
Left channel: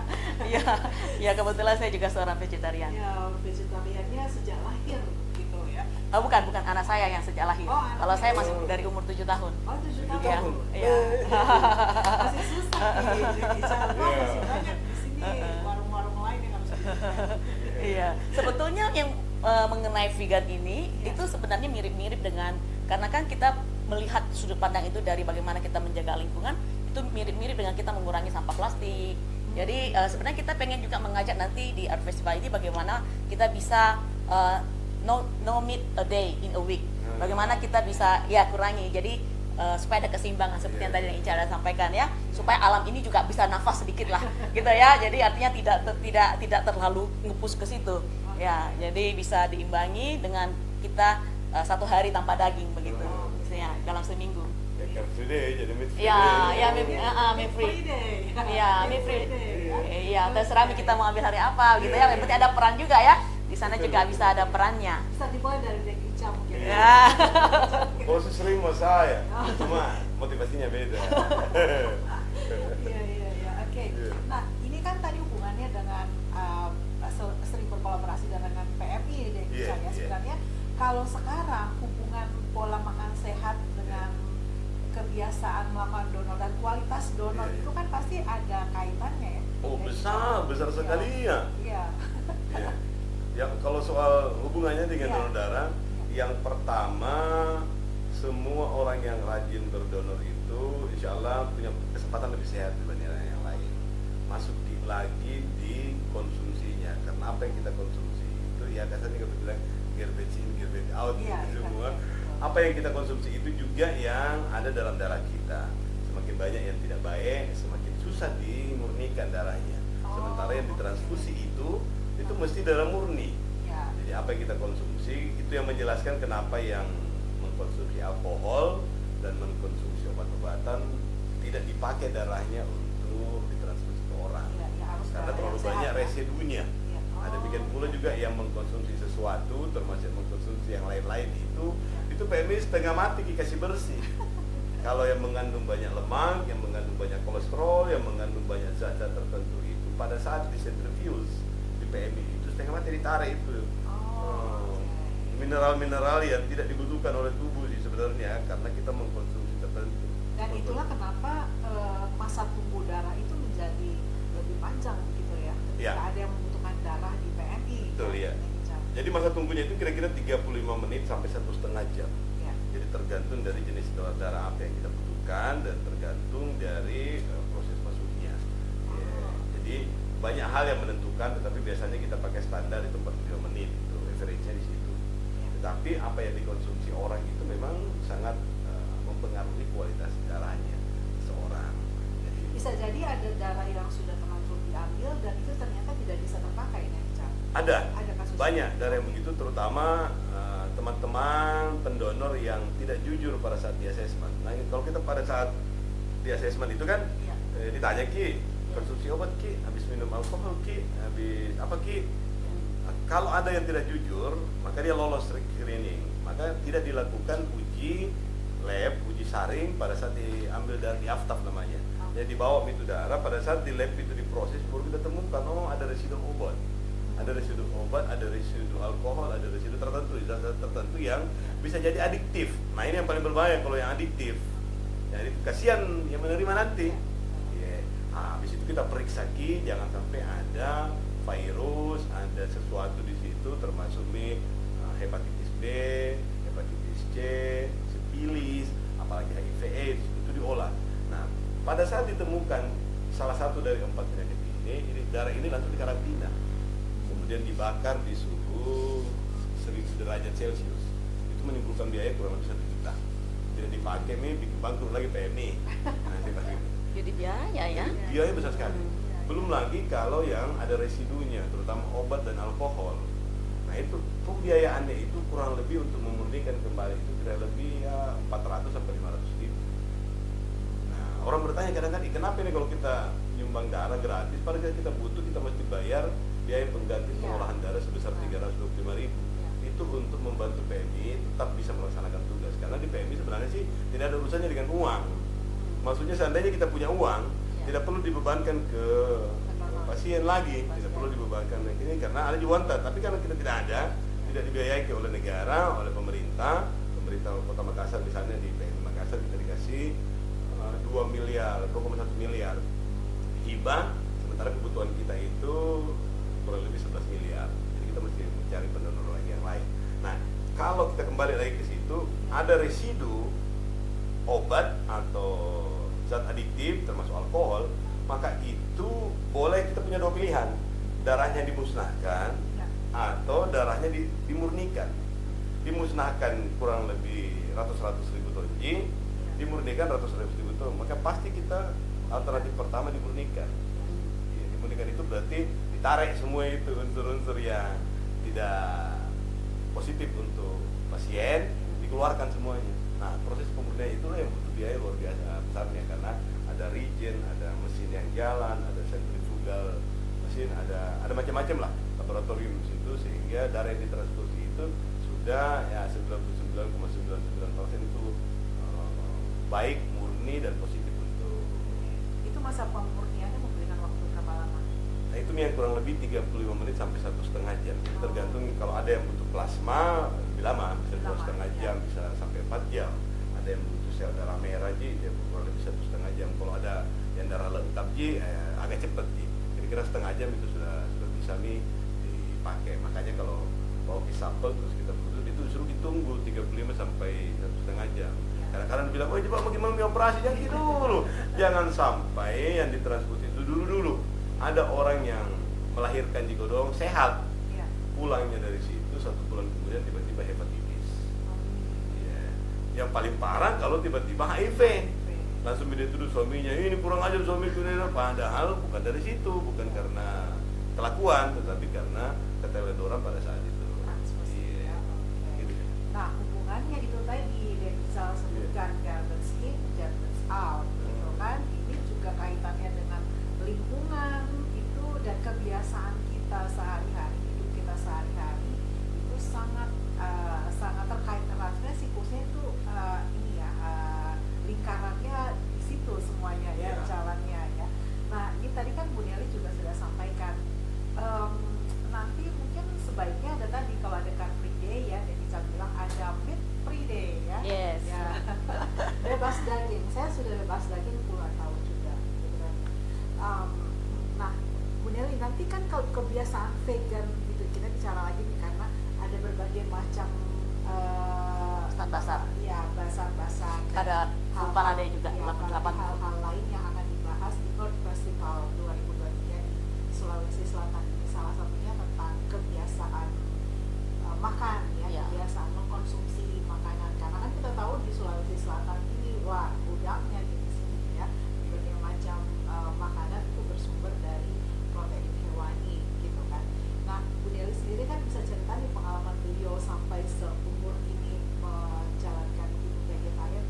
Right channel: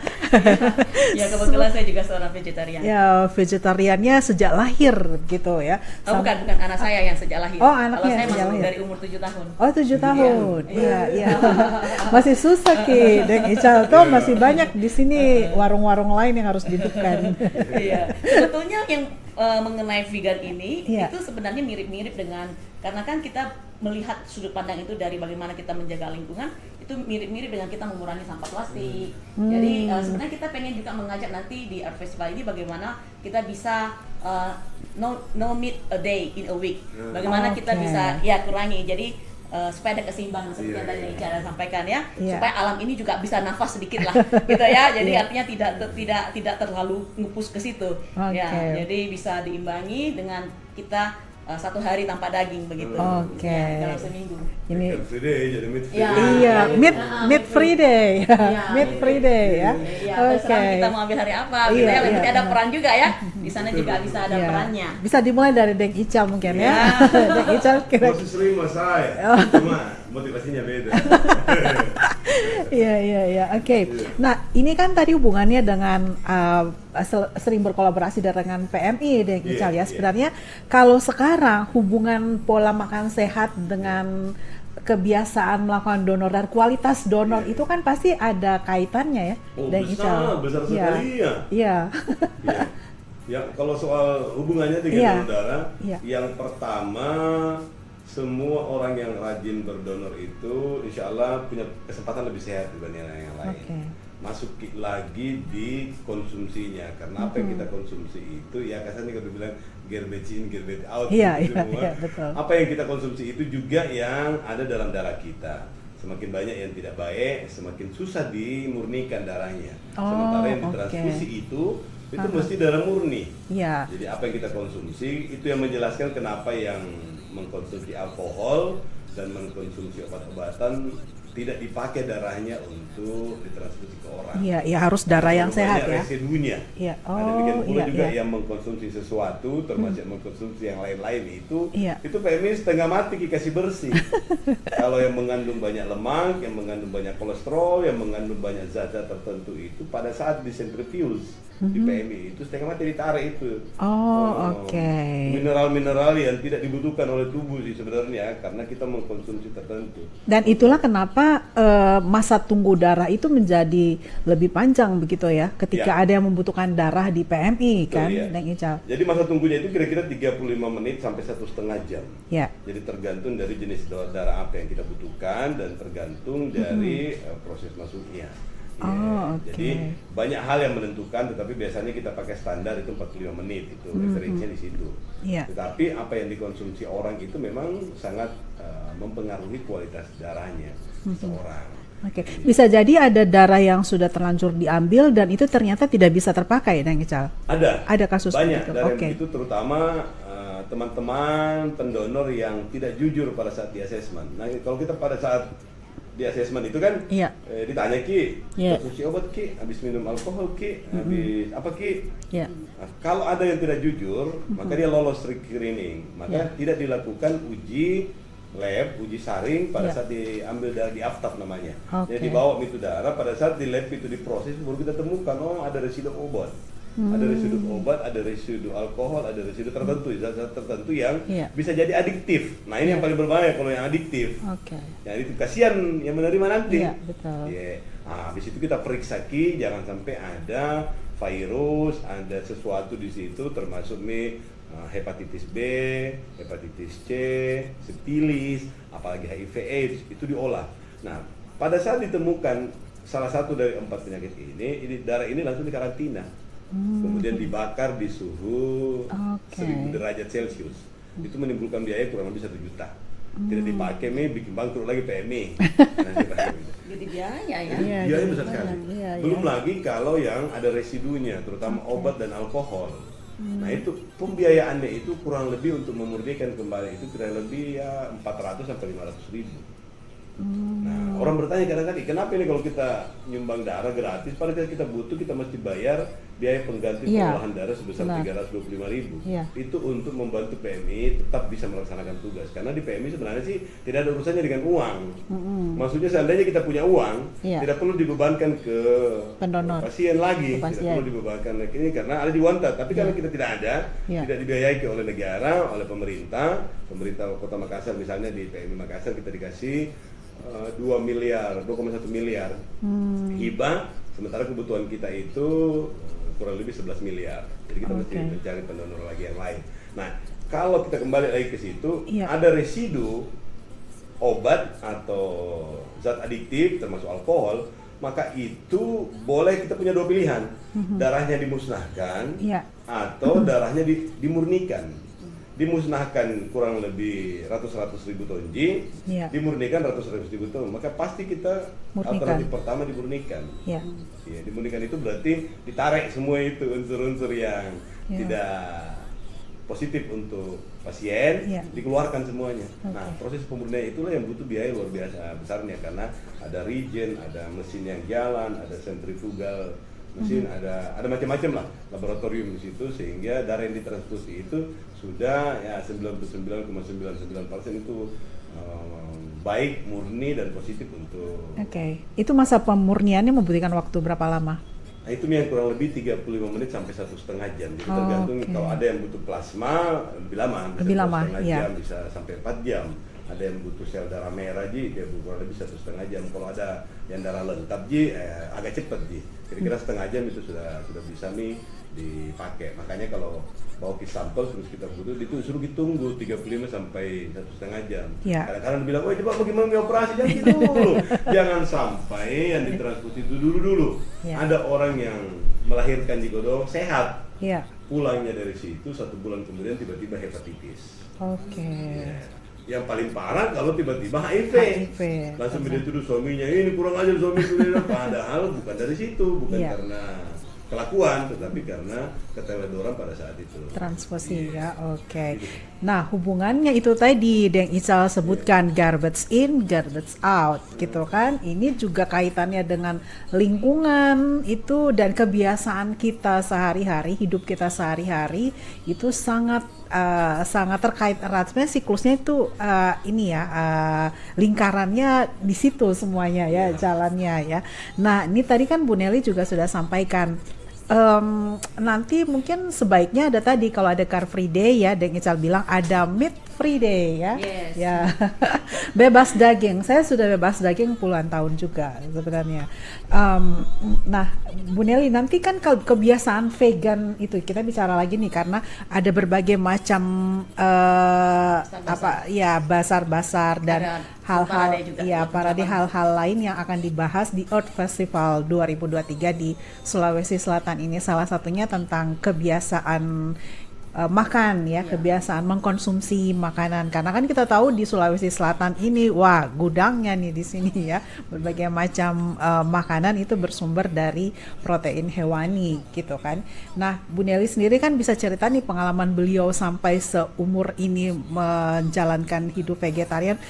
Ya, kebetulan saya juga seorang vegetarian. Ya, vegetariannya sejak lahir gitu ya. Bukan anak saya yang sejak lahir. Anaknya sejak lahir. Dari umur 7 tahun. 7 tahun. Iya. Masih susah Ki. Deng Ical tuh masih banyak di sini warung-warung lain yang harus dihidupkan. Iya. Sebetulnya yang mengenai vegan ini itu sebenarnya mirip-mirip dengan, karena kan kita melihat sudut pandang itu dari bagaimana kita menjaga lingkungan, itu mirip-mirip dengan kita mengurangi sampah plastik. Jadi sebenarnya kita pengen juga mengajak nanti di Art Festival ini bagaimana kita bisa no meat a day in a week. Bagaimana kita bisa kurangi. Jadi supaya ada keseimbangan seperti yang tadi Ica sampaikan ya, supaya alam ini juga bisa nafas sedikit lah, gitu ya. Jadi artinya tidak terlalu ngepush ke situ. Ya, jadi bisa diimbangi dengan kita 1 hari tanpa daging begitu. Dalam seminggu. Ini meat free day. Meat free day ya. Kita mau ambil hari apa? Kita ada peran juga ya. Di sana juga bisa ada perannya. Bisa dimulai dari Deng Ical mungkin ya. Deng Ical Masih sering masalah ya. Cuma motivasinya beda. Iya. Oke. Nah, ini kan tadi hubungannya dengan sering berkolaborasi dengan PMI Deng Ical ya. Sebenarnya kalau sekarang hubungan pola makan sehat dengan kebiasaan melakukan donor dan kualitas donor itu kan pasti ada kaitannya ya, Deng Ical. Besar sekali ya. Iya. Ya, kalau soal hubungannya dengan donor darah, yang pertama semua orang yang rajin berdonor itu insya Allah punya kesempatan lebih sehat dibanding orang yang lain. Masuk lagi di konsumsinya, karena apa yang kita konsumsi itu ya kasarnya kita bilang garbage in, garbage out. Betul. Apa yang kita konsumsi itu juga yang ada dalam darah kita. Semakin banyak yang tidak baik, semakin susah dimurnikan darahnya. Sementara yang ditransfusi itu mesti darah murni. Jadi apa yang kita konsumsi itu yang menjelaskan kenapa yang mengkonsumsi alkohol dan mengkonsumsi obat-obatan tidak dipakai darahnya untuk ditransfusi ke orang. Iya, harus darah yang sehat ya. Residunya. Ada juga yang mengkonsumsi sesuatu termasuk mengkonsumsi yang lain-lain itu ini setengah mati dikasih bersih. Kalau yang mengandung banyak lemak, yang mengandung banyak kolesterol, yang mengandung banyak zat-zat tertentu itu pada saat disentrifius di PMI itu setengah mati ditarik itu. Mineral-mineral yang tidak dibutuhkan oleh tubuh sih sebenarnya karena kita mengkonsumsi tertentu. Dan itulah kenapa masa tunggu darah itu menjadi lebih panjang begitu ya, ketika ada yang membutuhkan darah di PMI. Betul, kan, Deng Ical. Jadi masa tunggunya itu kira-kira 35 menit sampai 1,5 jam. Jadi tergantung dari jenis darah apa yang kita butuhkan dan tergantung dari proses masuknya. Jadi banyak hal yang menentukan, tetapi biasanya kita pakai standar itu 45 menit itu referensinya di situ. Tetapi apa yang dikonsumsi orang itu memang sangat mempengaruhi kualitas darahnya seseorang. Oke, bisa jadi ada darah yang sudah terlanjur diambil dan itu ternyata tidak bisa terpakai, Dang Ical. Ada kasus banyak itu. darah itu terutama teman-teman pendonor yang tidak jujur pada saat di asesmen. Nah, kalau kita pada saat di asesmen itu kan ditanya Ki, konsumsi obat Ki, habis minum alkohol Ki, habis apa Ki? Nah, kalau ada yang tidak jujur, maka dia lolos screening, maka tidak dilakukan uji lab, uji saring pada saat diambil dari aftab namanya. Jadi dibawa itu darah, pada saat di lab itu diproses baru kita temukan ada residu obat. Ada residu obat, ada residu alkohol, ada residu tertentu, zat-zat tertentu yang bisa jadi adiktif. Nah, ini yang paling berbahaya kalau yang adiktif. Jadi itu kasihan yang menerima nanti. Nah, di situ kita periksa Ki, jangan sampai ada virus, ada sesuatu di situ termasuk nih hepatitis B, hepatitis C, sifilis, apalagi HIV/AIDS itu diolah. Nah, pada saat ditemukan salah satu dari 4 penyakit ini darah ini langsung dikarantina, kemudian dibakar di suhu 1000 derajat Celcius. Itu menimbulkan biaya kurang lebih 1 juta. Tidak dipakai nih, bikin bang turun lagi PMI. Iya besar sekali. Belum lagi kalau yang ada residunya, terutama obat dan alkohol. Nah, itu pembiayaannya itu kurang lebih untuk memurnikan kembali itu kurang lebih 400 sampai 500 ribu. Nah, orang bertanya kadang-kadang, kenapa ini kalau kita nyumbang darah gratis, padahal kita butuh, kita mesti bayar biaya pengganti pengolahan darah sebesar 325.000. Itu untuk membantu PMI tetap bisa melaksanakan tugas. Karena di PMI sebenarnya sih tidak ada urusannya dengan uang. Maksudnya seandainya kita punya uang, tidak perlu dibebankan ke pendonor, pasien lagi, tidak perlu dibebankan ini karena ada di Wanta. Tapi kalau kita tidak ada, tidak dibiayai oleh negara, oleh pemerintah Kota Makassar misalnya di PMI Makassar kita dikasih 2 miliar, 2,1 miliar hibah, sementara kebutuhan kita itu kurang lebih 11 miliar. Jadi kita mesti mencari pendonor lagi yang lain. Nah, kalau kita kembali lagi ke situ, ada residu obat atau zat adiktif termasuk alkohol, maka itu boleh kita punya 2 pilihan. Darahnya dimusnahkan atau darahnya dimurnikan. Dimusnahkan kurang lebih ratus ribu tonji, dimurnikan ratus ribu ton, maka pasti kita alternatif pertama dimurnikan. Dimurnikan itu berarti ditarik semua itu unsur-unsur yang tidak positif untuk pasien, dikeluarkan semuanya. Nah, proses pemurnian itulah yang butuh biaya luar biasa besarnya karena ada regen, ada mesin yang jalan, ada sentrifugal mesin, ada macam-macam lah laboratorium di situ sehingga darah yang ditransfusi itu sudah 99,99% itu baik, murni dan positif untuk. Itu masa pemurniannya membutuhkan waktu berapa lama? Nah, itu kurang lebih 35 menit sampai 1,5 jam. Jadi tergantung kalau ada yang butuh plasma lebih lama, jam, bisa sampai 4 jam. Ada yang butuh sel darah merah dia kurang lebih 1,5 jam. Kalau ada yang darah lengkap agak cepat kira-kira setengah jam itu sudah bisa dipakai. Makanya kalau bawa sampel terus kita butuh itu suruh ditunggu 35 sampai 1,5 jam. Kadang-kadang bilang, oh coba bagaimana operasi, jangan dulu. Jangan sampai yang ditransfusi itu dulu. Ada orang yang melahirkan di Godong sehat, pulangnya dari situ 1 bulan kemudian tiba-tiba hepatitis. Yang paling parah kalau tiba-tiba HIV. Langsung dia tuduh suaminya, ini kurang aja suaminya. Padahal bukan dari situ, bukan karena kelakuan, tetapi karena keteledoran pada saat itu. Transfusi Nah, hubungannya itu tadi Deng Ical sebutkan garbage in, garbage out gitu kan. Ini juga kaitannya dengan lingkungan itu dan kebiasaan kita sehari-hari, hidup kita sehari-hari itu sangat terkait erat. Sebenarnya siklusnya itu lingkarannya di situ semuanya jalannya. Nah, ini tadi kan Bu Nelly juga sudah sampaikan. Nanti mungkin sebaiknya ada tadi kalau ada Car Free Day Deng Ical bilang ada Meat Free Day bebas daging. Saya sudah bebas daging puluhan tahun juga sebenarnya. Nah, Bu Nelly, nanti kan kebiasaan vegan itu kita bicara lagi nih karena ada berbagai macam basar-basar dan hal-hal lain yang akan dibahas di Earth Festival 2023 di Sulawesi Selatan ini. Salah satunya tentang kebiasaan makan ya, kebiasaan mengkonsumsi makanan, karena kan kita tahu di Sulawesi Selatan ini wah gudangnya nih di sini ya, berbagai macam makanan itu bersumber dari protein hewani gitu kan. Nah Bu Nelly sendiri kan bisa cerita nih pengalaman beliau sampai seumur ini menjalankan hidup vegetarian,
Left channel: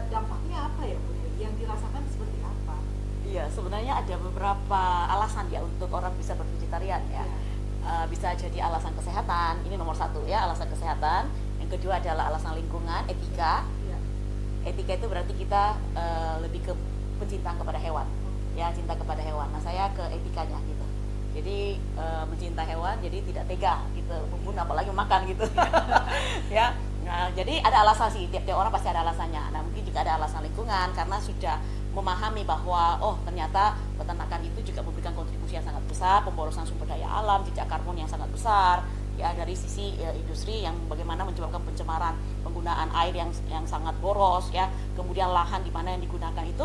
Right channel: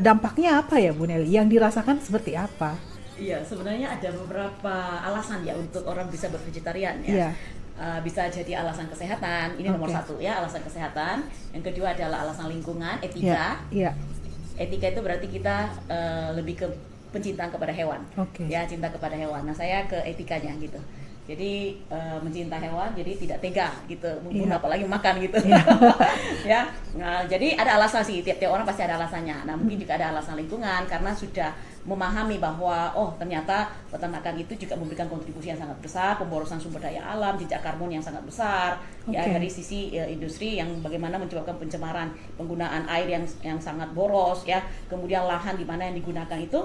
dampaknya apa ya Bu Nelly, yang dirasakan seperti apa? Iya, sebenarnya ada beberapa alasan ya untuk orang bisa bervegetarian ya. Bisa jadi alasan kesehatan, ini nomor satu ya, alasan kesehatan. Yang kedua adalah alasan lingkungan, etika. Etika itu berarti kita lebih ke pencinta kepada hewan, ya, cinta kepada hewan. Nah saya ke etikanya gitu. Jadi mencinta hewan, jadi tidak tega gitu, apalagi makan gitu. Ya, nah, jadi ada alasan sih, tiap-tiap orang pasti ada alasannya. Nah mungkin juga ada alasan lingkungan karena sudah memahami bahwa oh ternyata peternakan itu juga memberikan kontribusi yang sangat besar, pemborosan sumber daya alam, jejak karbon yang sangat besar, ya dari sisi industri yang bagaimana menyebabkan pencemaran penggunaan air yang sangat boros, ya, kemudian lahan di mana yang digunakan itu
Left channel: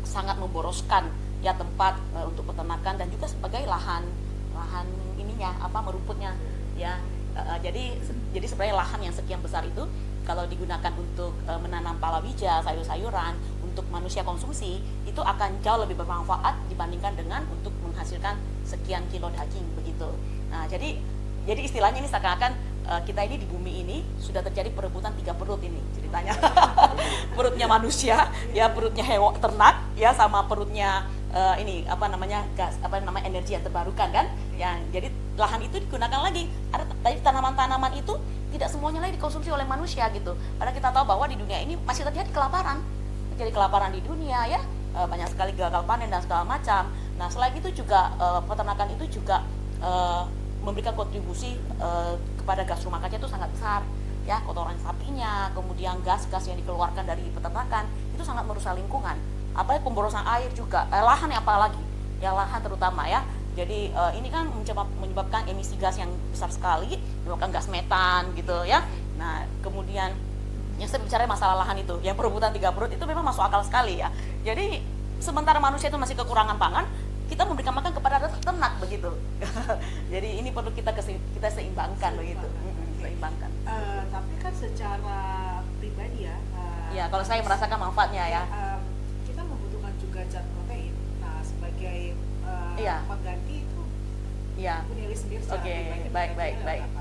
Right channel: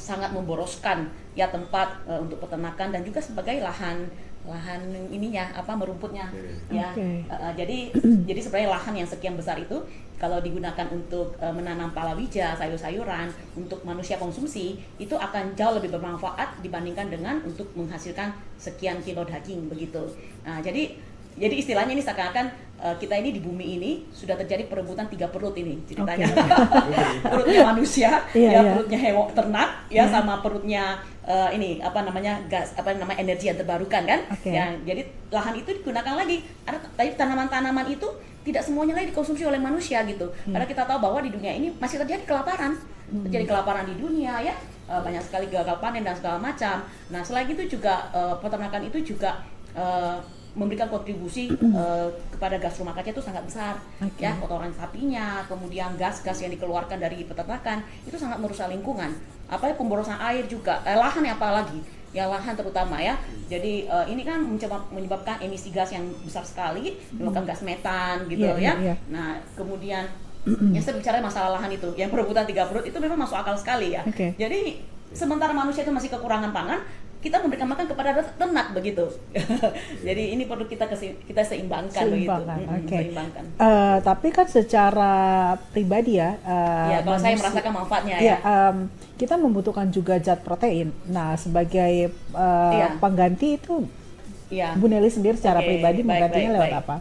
sangat memboroskan ya tempat untuk peternakan, dan kita sebagai lahan ininya merumputnya ya, jadi sebenarnya lahan yang sekian besar itu kalau digunakan untuk menanam palawija, sayur-sayuran untuk manusia konsumsi itu akan jauh lebih bermanfaat dibandingkan dengan untuk menghasilkan sekian kilo daging begitu. Nah, jadi istilahnya ini seakan-akan kita ini di bumi ini sudah terjadi perebutan 3 perut ini ceritanya. Perutnya manusia, perutnya hewan ternak, ya, sama perutnya gas, energi yang terbarukan kan. Ya, jadi lahan itu digunakan lagi. Karena tanaman-tanaman itu tidak semuanya lagi dikonsumsi oleh manusia gitu. Karena kita tahu bahwa di dunia ini masih terjadi kelaparan. Terjadi kelaparan di dunia ya. Banyak sekali gagal panen dan segala macam. Nah, selain itu juga peternakan itu juga memberikan kontribusi kepada gas rumah kaca itu sangat besar, ya, kotoran sapinya, kemudian gas-gas yang dikeluarkan dari peternakan itu sangat merusak lingkungan. Apalagi pemborosan air juga, lahan apalagi, ya lahan terutama ya. Jadi ini kan menyebabkan emisi gas yang besar sekali, menyebabkan gas metan gitu ya. Nah kemudian yang saya bicara masalah lahan itu, yang perebutan 3 perut itu memang masuk akal sekali ya. Jadi sementara manusia itu masih kekurangan pangan, kita memberikan makan kepada ternak begitu. Jadi ini perlu kita seimbangkan begitu. Seimbangkan. Tapi kan secara pribadi ya, kalau saya merasakan manfaatnya ya. Kita membutuhkan juga zat protein. Nah, sebagai pengganti itu, Bu Nelly sendiri secara pribadi menggantinya lewat apa?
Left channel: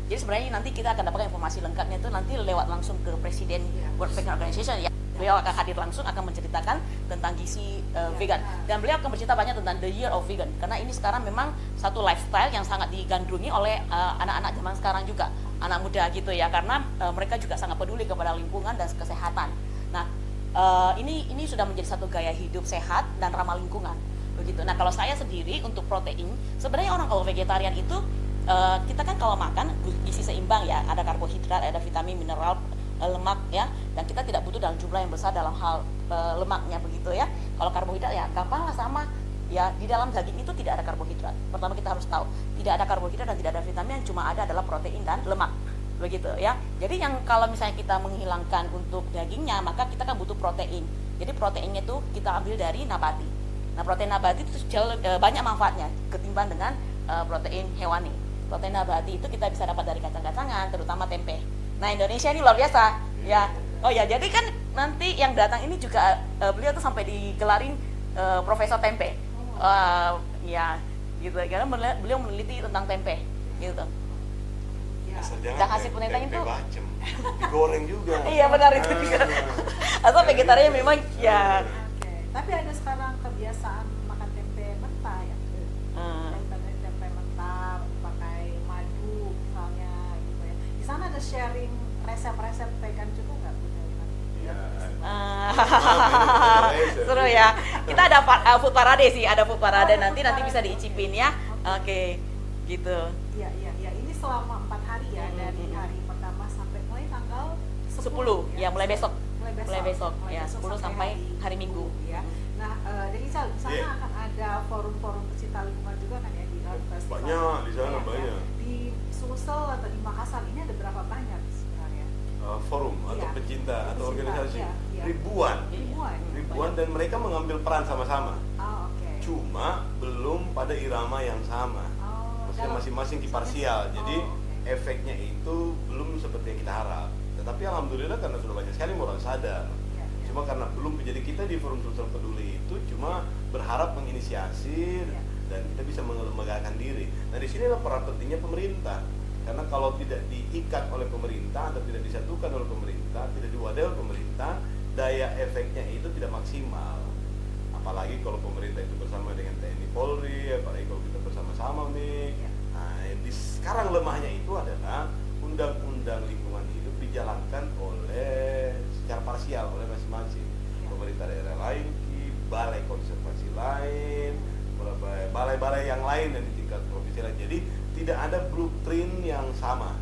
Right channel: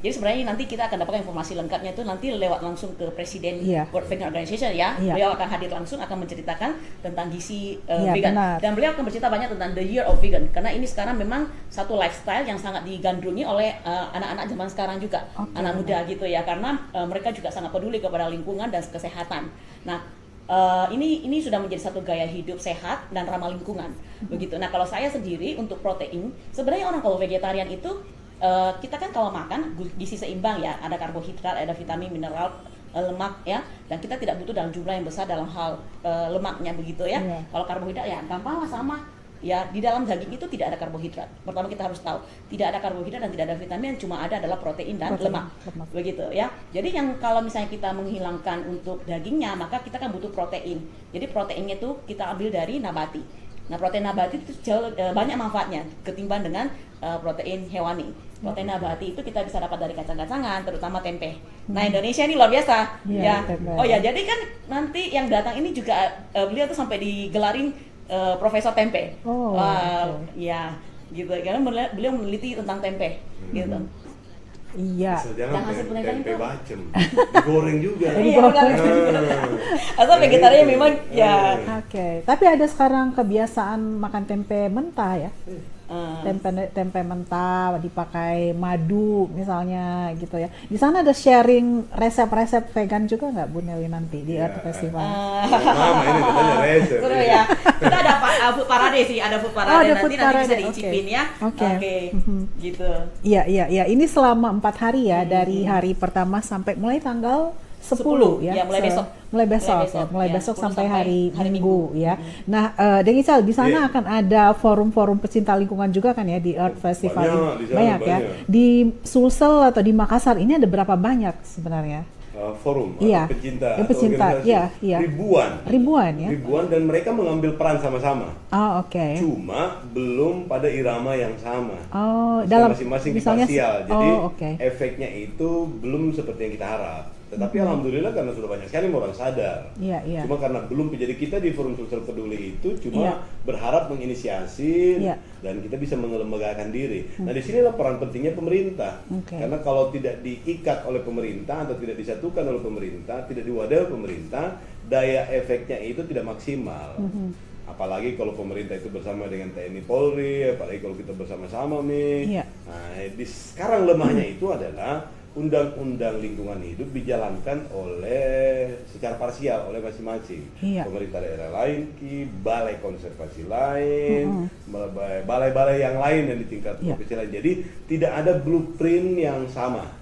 Jadi sebenarnya nanti kita akan dapatkan informasi lengkapnya itu nanti lewat langsung ke Presiden World Vegan Organization ya. Beliau akan hadir langsung, akan menceritakan tentang gizi vegan. Dan beliau akan bercerita banyak tentang the year of vegan, karena ini sekarang memang satu lifestyle yang sangat digandrungi oleh anak-anak zaman sekarang juga, anak muda gitu ya, karena mereka juga sangat peduli kepada lingkungan dan kesehatan. Nah, ini sudah menjadi satu gaya hidup sehat dan ramah lingkungan begitu. Nah kalau saya sendiri untuk protein, sebenarnya kalau vegetarian itu kita kan kalau makan gizi seimbang ya, ada karbohidrat, ada vitamin, mineral, lemak ya, dan kita tidak butuh dalam jumlah yang besar dalam hal lemaknya begitu ya. Kalau karbohidrat ya nggak apa-apa, sama ya, di dalam daging itu tidak ada karbohidrat. Pertama kita harus tahu tidak ada karbohidrat dan tidak ada vitamin, cuma ada adalah protein dan lemak begitu ya. Jadi yang kalau misalnya kita menghilangkan untuk dagingnya, maka kita kan butuh protein. Jadi proteinnya itu kita ambil dari nabati. Nah protein nabati itu jauh banyak manfaatnya ketimbang dengan protein hewani. Protein nabati itu kita bisa dapat dari kacang-kacangan, terutama tempe. Nah Indonesia ini luar biasa ya. Oh ya, jadi kan nanti yang datang ini juga beliau tuh sampai digelarin Profesor Tempe. Ya gitu, karena beliau meneliti tentang tempe gitu. Iya. Dan hasil penelitiannya goreng juga. Atau vegetarian memang ya. Tapi ada sekarang kebiasaan makan tempe mentah ya. Tempe mentah dipakai madu misalnya gitu ya. Di sana ada sharing resep-resep vegan juga nggak Bu Nelly nanti di Earth Festival? Seru ya. Kita ada Bu Parade sih, ada Bu Parade. Nanti bisa diicipin ya. Gitu. Iya. Ini selama 4 hari ya, dari hari pertama sampai mulai tanggal 10 ya, mulai besok sampai hari Minggu ya. Nah, Deng Ical, di sana akan ada forum-forum pecinta lingkungan juga kan ya di Earth Festival ini. Banyak ya. Di Sulsel atau di Makassar ini ada berapa banyak sebenarnya? forum pecinta ribuan ya, dan mereka mengambil peran sama-sama. Cuma belum pada irama yang sama. Dalam masing-masing misalnya, parsial. Jadi efeknya itu belum seperti yang kita harap. Tetapi alhamdulillah karena sudah banyak sekali orang sadar. Cuma karena belum, jadi kita di forum sosial peduli itu cuma berharap menginisiasi dan kita bisa mengelembagakan diri. Nah di sini adalah peran pentingnya pemerintah. Karena kalau tidak diikat oleh pemerintah atau tidak disatukan oleh pemerintah, tidak diwadahi oleh pemerintah, daya efeknya itu tidak maksimal. Apalagi kalau pemerintah itu bersama dengan TNI Polri, apalagi kalau kita bersama-sama nih. Nah sekarang lemahnya itu adalah undang-undang lingkungan hidup dijalankan oleh secara parsial oleh masing-masing pemerintah daerah lain, balai konservasi lain, balai-balai yang lain dan di tingkat provinsi lain. Jadi tidak ada blueprint yang sama.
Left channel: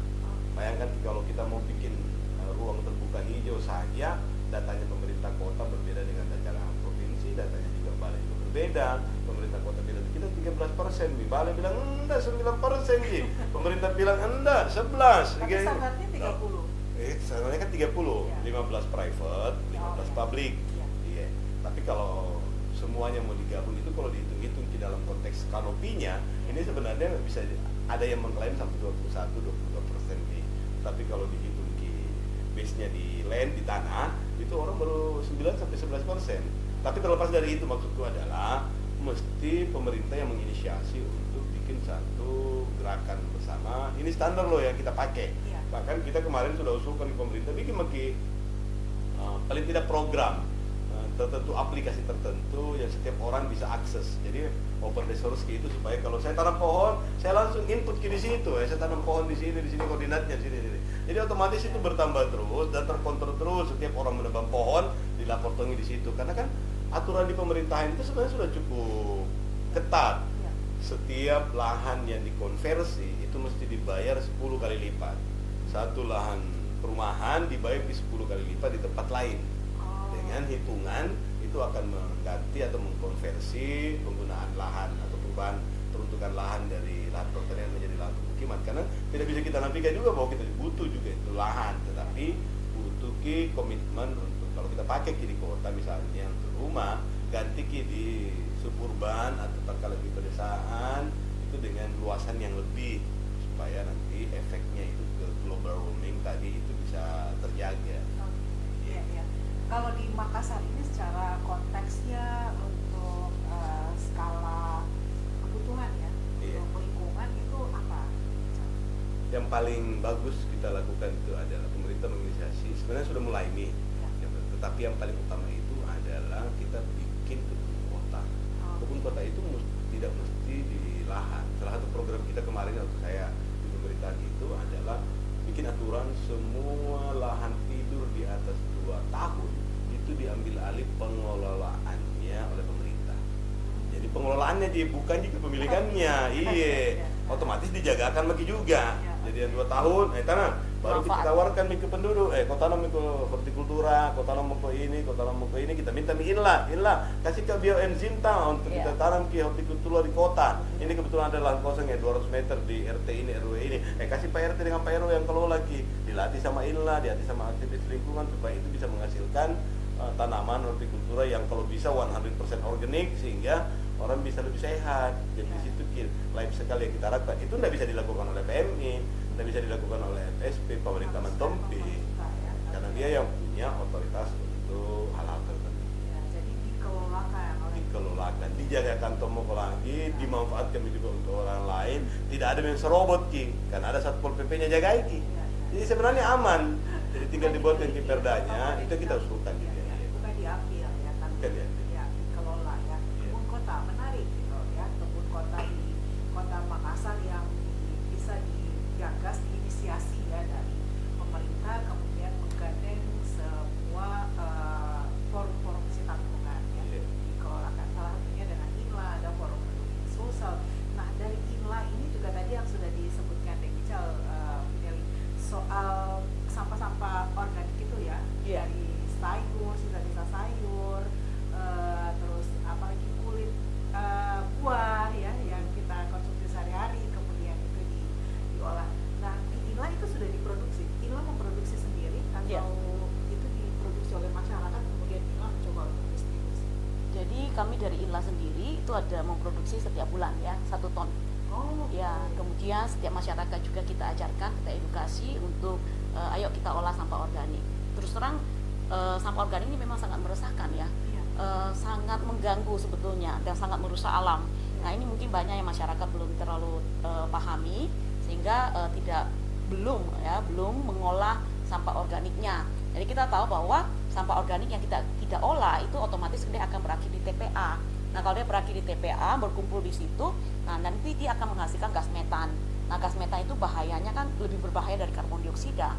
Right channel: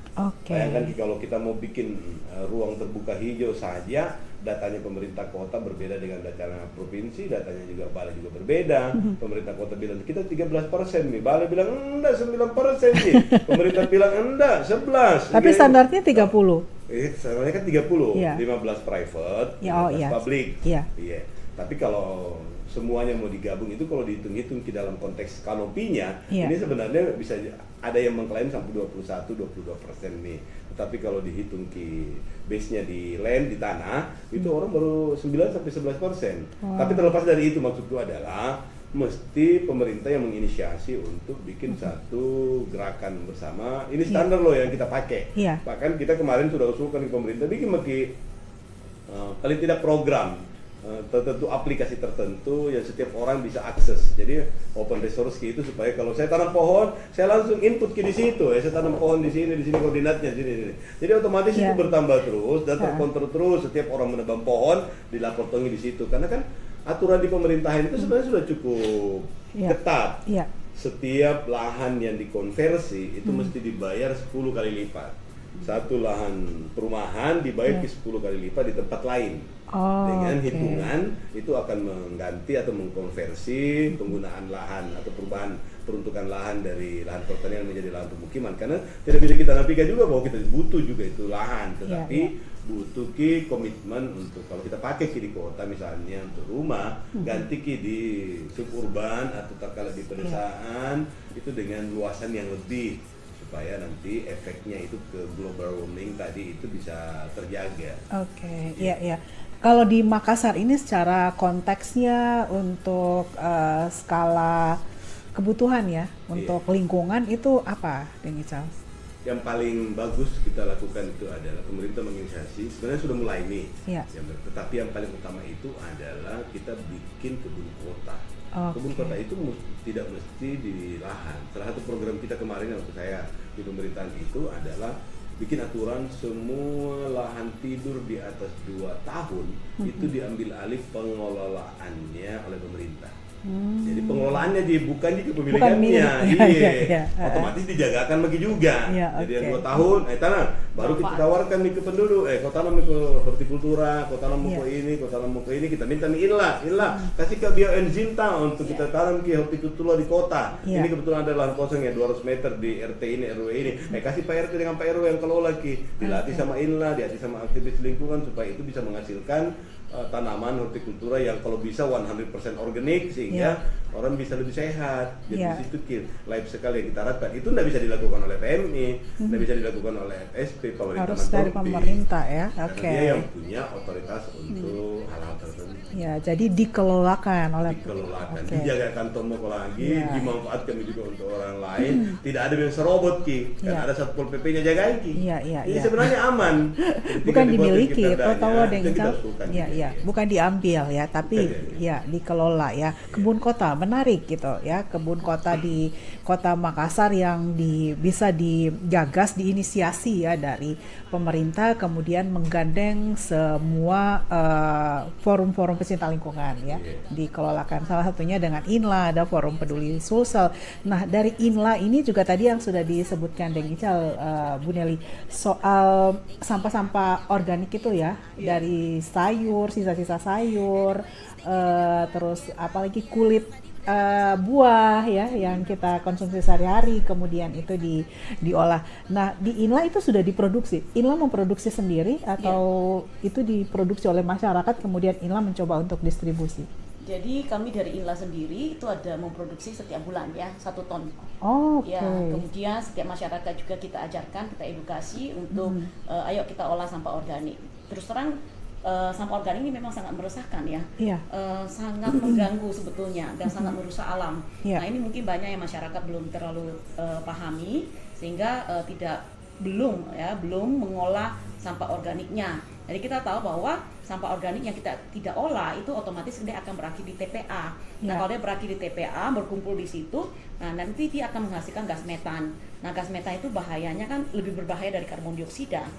Bayangkan kalau kita mau bikin ruang terbuka hijau saja, datanya pemerintah kota berbeda dengan data provinsi, datanya juga balai juga berbeda. Pemerintah kota bilang kita 13% nih, balai bilang enggak 9% nih, pemerintah bilang enggak 11. Tapi standarnya 30. Standarnya kan 30, 15 private, 15 public. Tapi kalau semuanya mau digabung itu kalau dihitung-hitung di dalam konteks kanopinya, ini sebenarnya bisa ada yang mengklaim sampai 21-22% nih. Tapi kalau dihitung di base-nya di land, di tanah, itu orang baru 9-11%. Tapi terlepas dari itu, maksudku adalah mesti pemerintah yang menginisiasi untuk bikin satu gerakan bersama. Ini standar loh yang kita pakai. Bahkan kita kemarin sudah usulkan ke pemerintah bikin paling tidak program tertentu, aplikasi tertentu yang setiap orang bisa akses. Jadi open resource itu supaya kalau saya tanam pohon, saya langsung input di situ. Saya tanam pohon di sini koordinatnya di sini. Jadi otomatis itu bertambah terus dan terkontrol terus. Setiap orang menebang pohon dilaporkan di situ. Karena kan aturan di pemerintahan itu sebenarnya sudah cukup ketat. Setiap lahan yang dikonversi itu mesti dibayar 10 kali lipat. Satu lahan perumahan dibayar 10 kali lipat di tempat lain. Dengan hitungan itu akan mengganti atau mengkonversi penggunaan lahan atau perubahan peruntukan lahan dari lahan pertanian menjadi lahan pemukiman. Karena tidak bisa kita nafikan juga bahwa kita butuh juga itu lahan, tetapi butuh komitmen untuk kalau kita pakai di kota misalnya untuk rumah, ganti di suburban atau terkala di pedesaan itu dengan luasan yang lebih supaya nanti efeknya itu ke global warming tadi itu bisa terjaga. Kalau di Makassar ini secara konteksnya untuk skala kebutuhan ya, untuk lingkungan itu apa, Dengical? Yang paling bagus kita lakukan itu adalah pemerintah menginisiasi, sebenarnya sudah mulai nih. Tapi yang paling utama itu adalah kita bikin kebun kota. Kebun kota itu tidak mesti di lahan. Salah satu program kita kemarin yang saya di pemerintahan itu adalah bikin aturan semua lahan tidur di atas 2 tahun itu diambil alih pengelolaannya oleh pemerintah. Jadi pengelolaannya bukan di kepemilikannya, otomatis dijagakan lagi juga. Jadi 2 tahun, baru kita tawarkan ke penduduk, kau tanam ke hortikultura, kau tanam ke ini, kau tanam ke ini, kita minta ilah, kasih ke bioenzinta untuk kita tanam ke hortikultura di kota. Ini kebetulan ada lahan kosong ya 200 meter di RT ini, RW ini. Kasih Pak RT dengan Pak RW yang kelola lagi, dilatih sama ilah, dilatih sama aktivis lingkungan supaya itu bisa menghasilkan tanaman hortikultura yang kalau bisa 100% organik sehingga orang bisa lebih sehat. Jadi itu lain sekali kita harapkan. Itu tidak bisa dilakukan oleh PMI, tidak bisa dilakukan oleh SP kalau harus dari pemerintah ya. Dia yang punya otoritas untuk hal-hal tertentu. Jadi dikelolakan oleh dijaga kantong mau lagi, dimanfaatkan juga untuk orang lain. Tidak ada yang serobot karena ada Satpol PP yang jagain Ini sebenarnya aman. Bukan dimiliki, bukan diambil ya, tapi dikelola ya. Kebun kota menarik gitu ya, kebun kota di Kota Makassar yang bisa digagas, diinisiasi ya dari pemerintah, kemudian menggandeng semua forum-forum pecinta lingkungan ya, dikelolakan. Salah satunya dengan INLA, ada forum peduli Sulsel. Nah dari INLA ini juga tadi yang sudah disebutkan Dengical, Bu Nelly, soal sampah-sampah organik itu ya, dari sayur, sisa-sisa sayur, terus apalagi kulit buah ya yang kita konsumsi sehari-hari, kemudian itu diolah. Nah, di Inla itu sudah diproduksi. Inla memproduksi sendiri atau itu diproduksi oleh masyarakat kemudian Inla mencoba untuk distribusi? Jadi kami dari Inla sendiri itu ada memproduksi setiap bulan ya 1 ton. Okay. Ya, kemudian setiap masyarakat juga kita ajarkan, kita edukasi untuk ayo kita olah sampah organik. Terus terang sampah organik ini memang sangat meresahkan ya, sangat mengganggu sebetulnya dan sangat merusak alam. Nah ini mungkin banyak yang masyarakat belum terlalu pahami sehingga belum mengolah sampah organiknya. Jadi kita tahu bahwa sampah organik yang kita tidak olah itu otomatis dia akan berakhir di TPA. Nah kalau dia berakhir di TPA berkumpul di situ, nah nanti dia akan menghasilkan gas metan. Nah gas metan itu bahayanya kan lebih berbahaya dari karbon dioksida.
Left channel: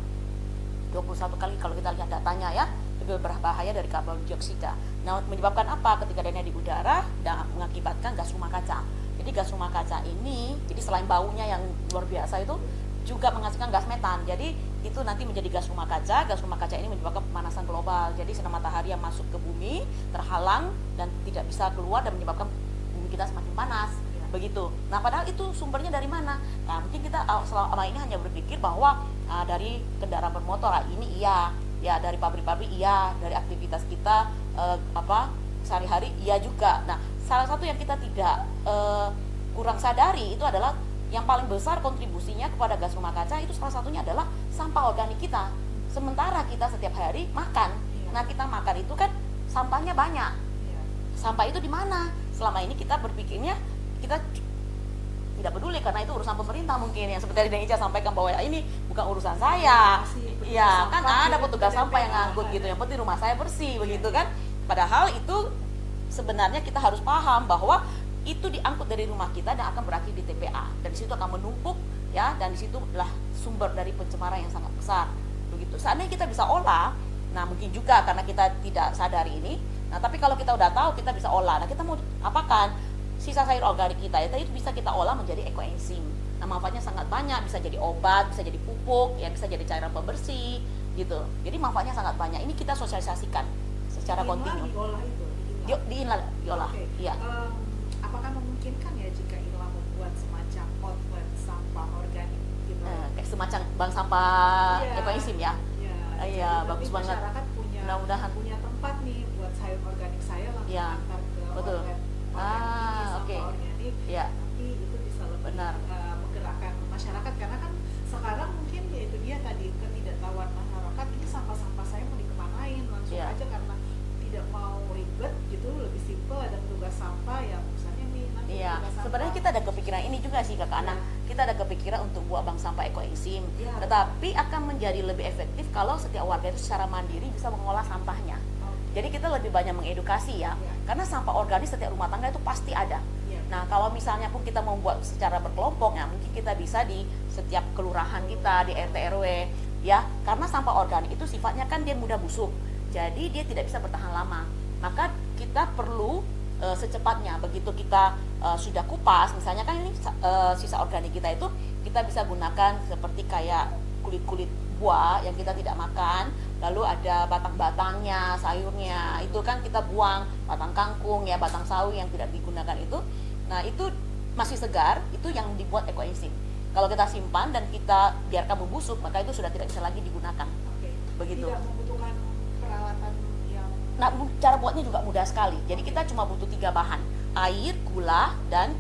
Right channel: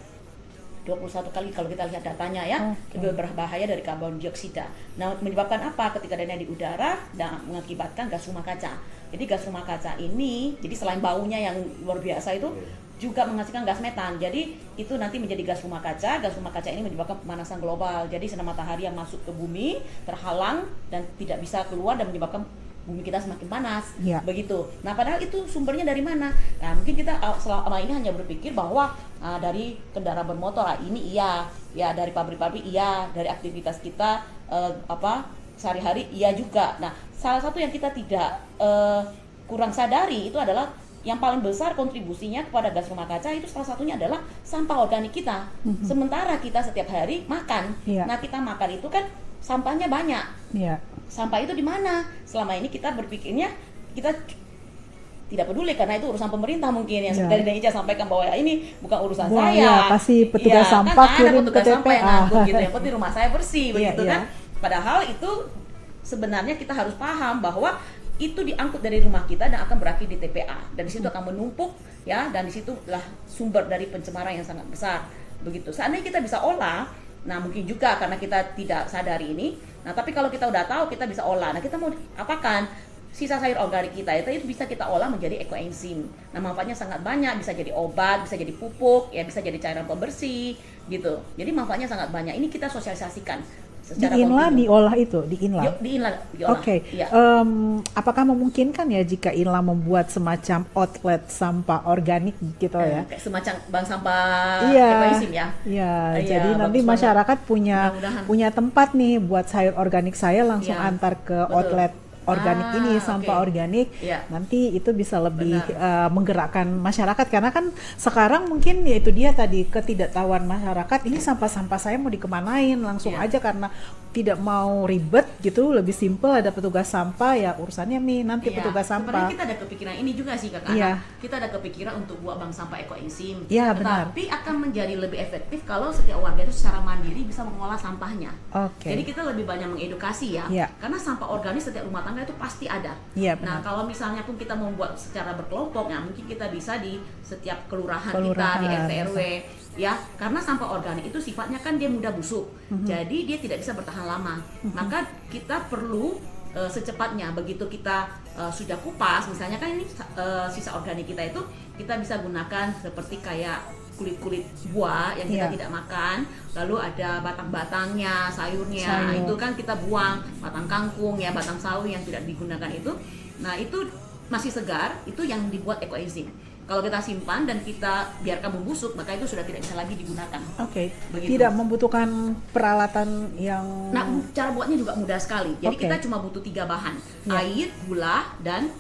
21 kali kalau kita lihat datanya ya, lebih berbahaya dari karbon dioksida. Nah menyebabkan apa? Ketika dia di udara dan mengakibatkan gas rumah kaca. Jadi gas rumah kaca ini, jadi selain baunya yang luar biasa itu juga menghasilkan gas metan. Jadi itu nanti menjadi gas rumah kaca. Gas rumah kaca ini menyebabkan pemanasan global. Jadi sinar matahari yang masuk ke bumi terhalang dan tidak bisa keluar dan menyebabkan bumi kita semakin panas. Begitu. Nah padahal itu sumbernya dari mana? Nah mungkin kita selama ini hanya berpikir bahwa dari kendaraan bermotor ini iya, ya dari pabrik-pabrik iya, dari aktivitas kita sehari-hari iya juga. Nah salah satu yang kita tidak kurang sadari itu adalah yang paling besar kontribusinya kepada gas rumah kaca itu salah satunya adalah sampah organik kita. Sementara kita setiap hari makan, nah kita makan itu kan sampahnya banyak. Sampah itu di mana? Selama ini kita berpikirnya kita tidak peduli karena itu urusan pemerintah mungkin yang sudah gereja sampaikan bahwa ini bukan urusan saya. Pasti petugas sampah kirim ke TPA. Gitu, yang penting rumah saya bersih, begitu kan? Padahal itu sebenarnya kita harus paham bahwa itu diangkut dari rumah kita dan akan berakhir di TPA. Dari situ akan menumpuk ya, dan situlah sumber dari pencemaran yang sangat besar. Begitu. Seandainya kita bisa olah, nah mungkin juga karena kita tidak sadar ini. Nah, tapi kalau kita udah tahu kita bisa olah, nah, kita mau apakan? Sisa sayur organik kita itu bisa kita olah menjadi ekoenzim. Nah, manfaatnya sangat banyak, bisa jadi obat, bisa jadi pupuk, ya bisa jadi cairan pembersih, gitu. Jadi manfaatnya sangat banyak. Ini kita sosialisasikan. Di Inla diolah itu, di Inla. Diolah. Oke. Apakah memungkinkan ya jika Inla membuat semacam outlet sampah organik gitu ya? Semacam bank sampah ekoenzim ya. Jadi nanti masyarakat punya tempat nih buat sayur organik saya langsung antar ke outlet organik ini, sampah organik, nanti itu bisa lebih menggerakkan masyarakat karena kan sekarang mungkin yaitu dia tadi ketidaktahuan masyarakat ini sampah-sampah saya mau dikemanain langsung aja karena tidak mau ribet gitu, lebih simple ada petugas sampah ya urusannya nih nanti petugas sampah. Kita ada kepikiran ini juga sih Kak. Kita ada kepikiran untuk buat bank sampah ekoenzim. Tapi akan menjadi lebih efektif kalau setiap warga itu secara mandiri bisa mengolah sampahnya. Jadi kita lebih banyak edukasi ya. Karena sampah organik setiap rumah tangga itu pasti ada. Nah kalau misalnya pun kita membuat secara berkelompok, nah mungkin kita bisa di setiap kelurahan kita di RT RW ya, karena sampah organik itu sifatnya kan dia mudah busuk, jadi dia tidak bisa bertahan lama. Maka kita perlu secepatnya begitu kita sudah kupas, misalnya kan ini sisa organik kita itu kita bisa gunakan seperti kayak kulit-kulit buah yang kita tidak makan, lalu ada batang-batangnya, sayurnya, itu kan kita buang, batang kangkung ya, batang sawi yang tidak digunakan itu, nah itu masih segar, itu yang dibuat ekoenzim. Kalau kita simpan dan kita biarkan membusuk, maka itu sudah tidak bisa lagi digunakan. Tidak membutuhkan peralatan yang... Nah, cara buatnya juga mudah sekali. Jadi kita cuma butuh 3 bahan, air, gula, dan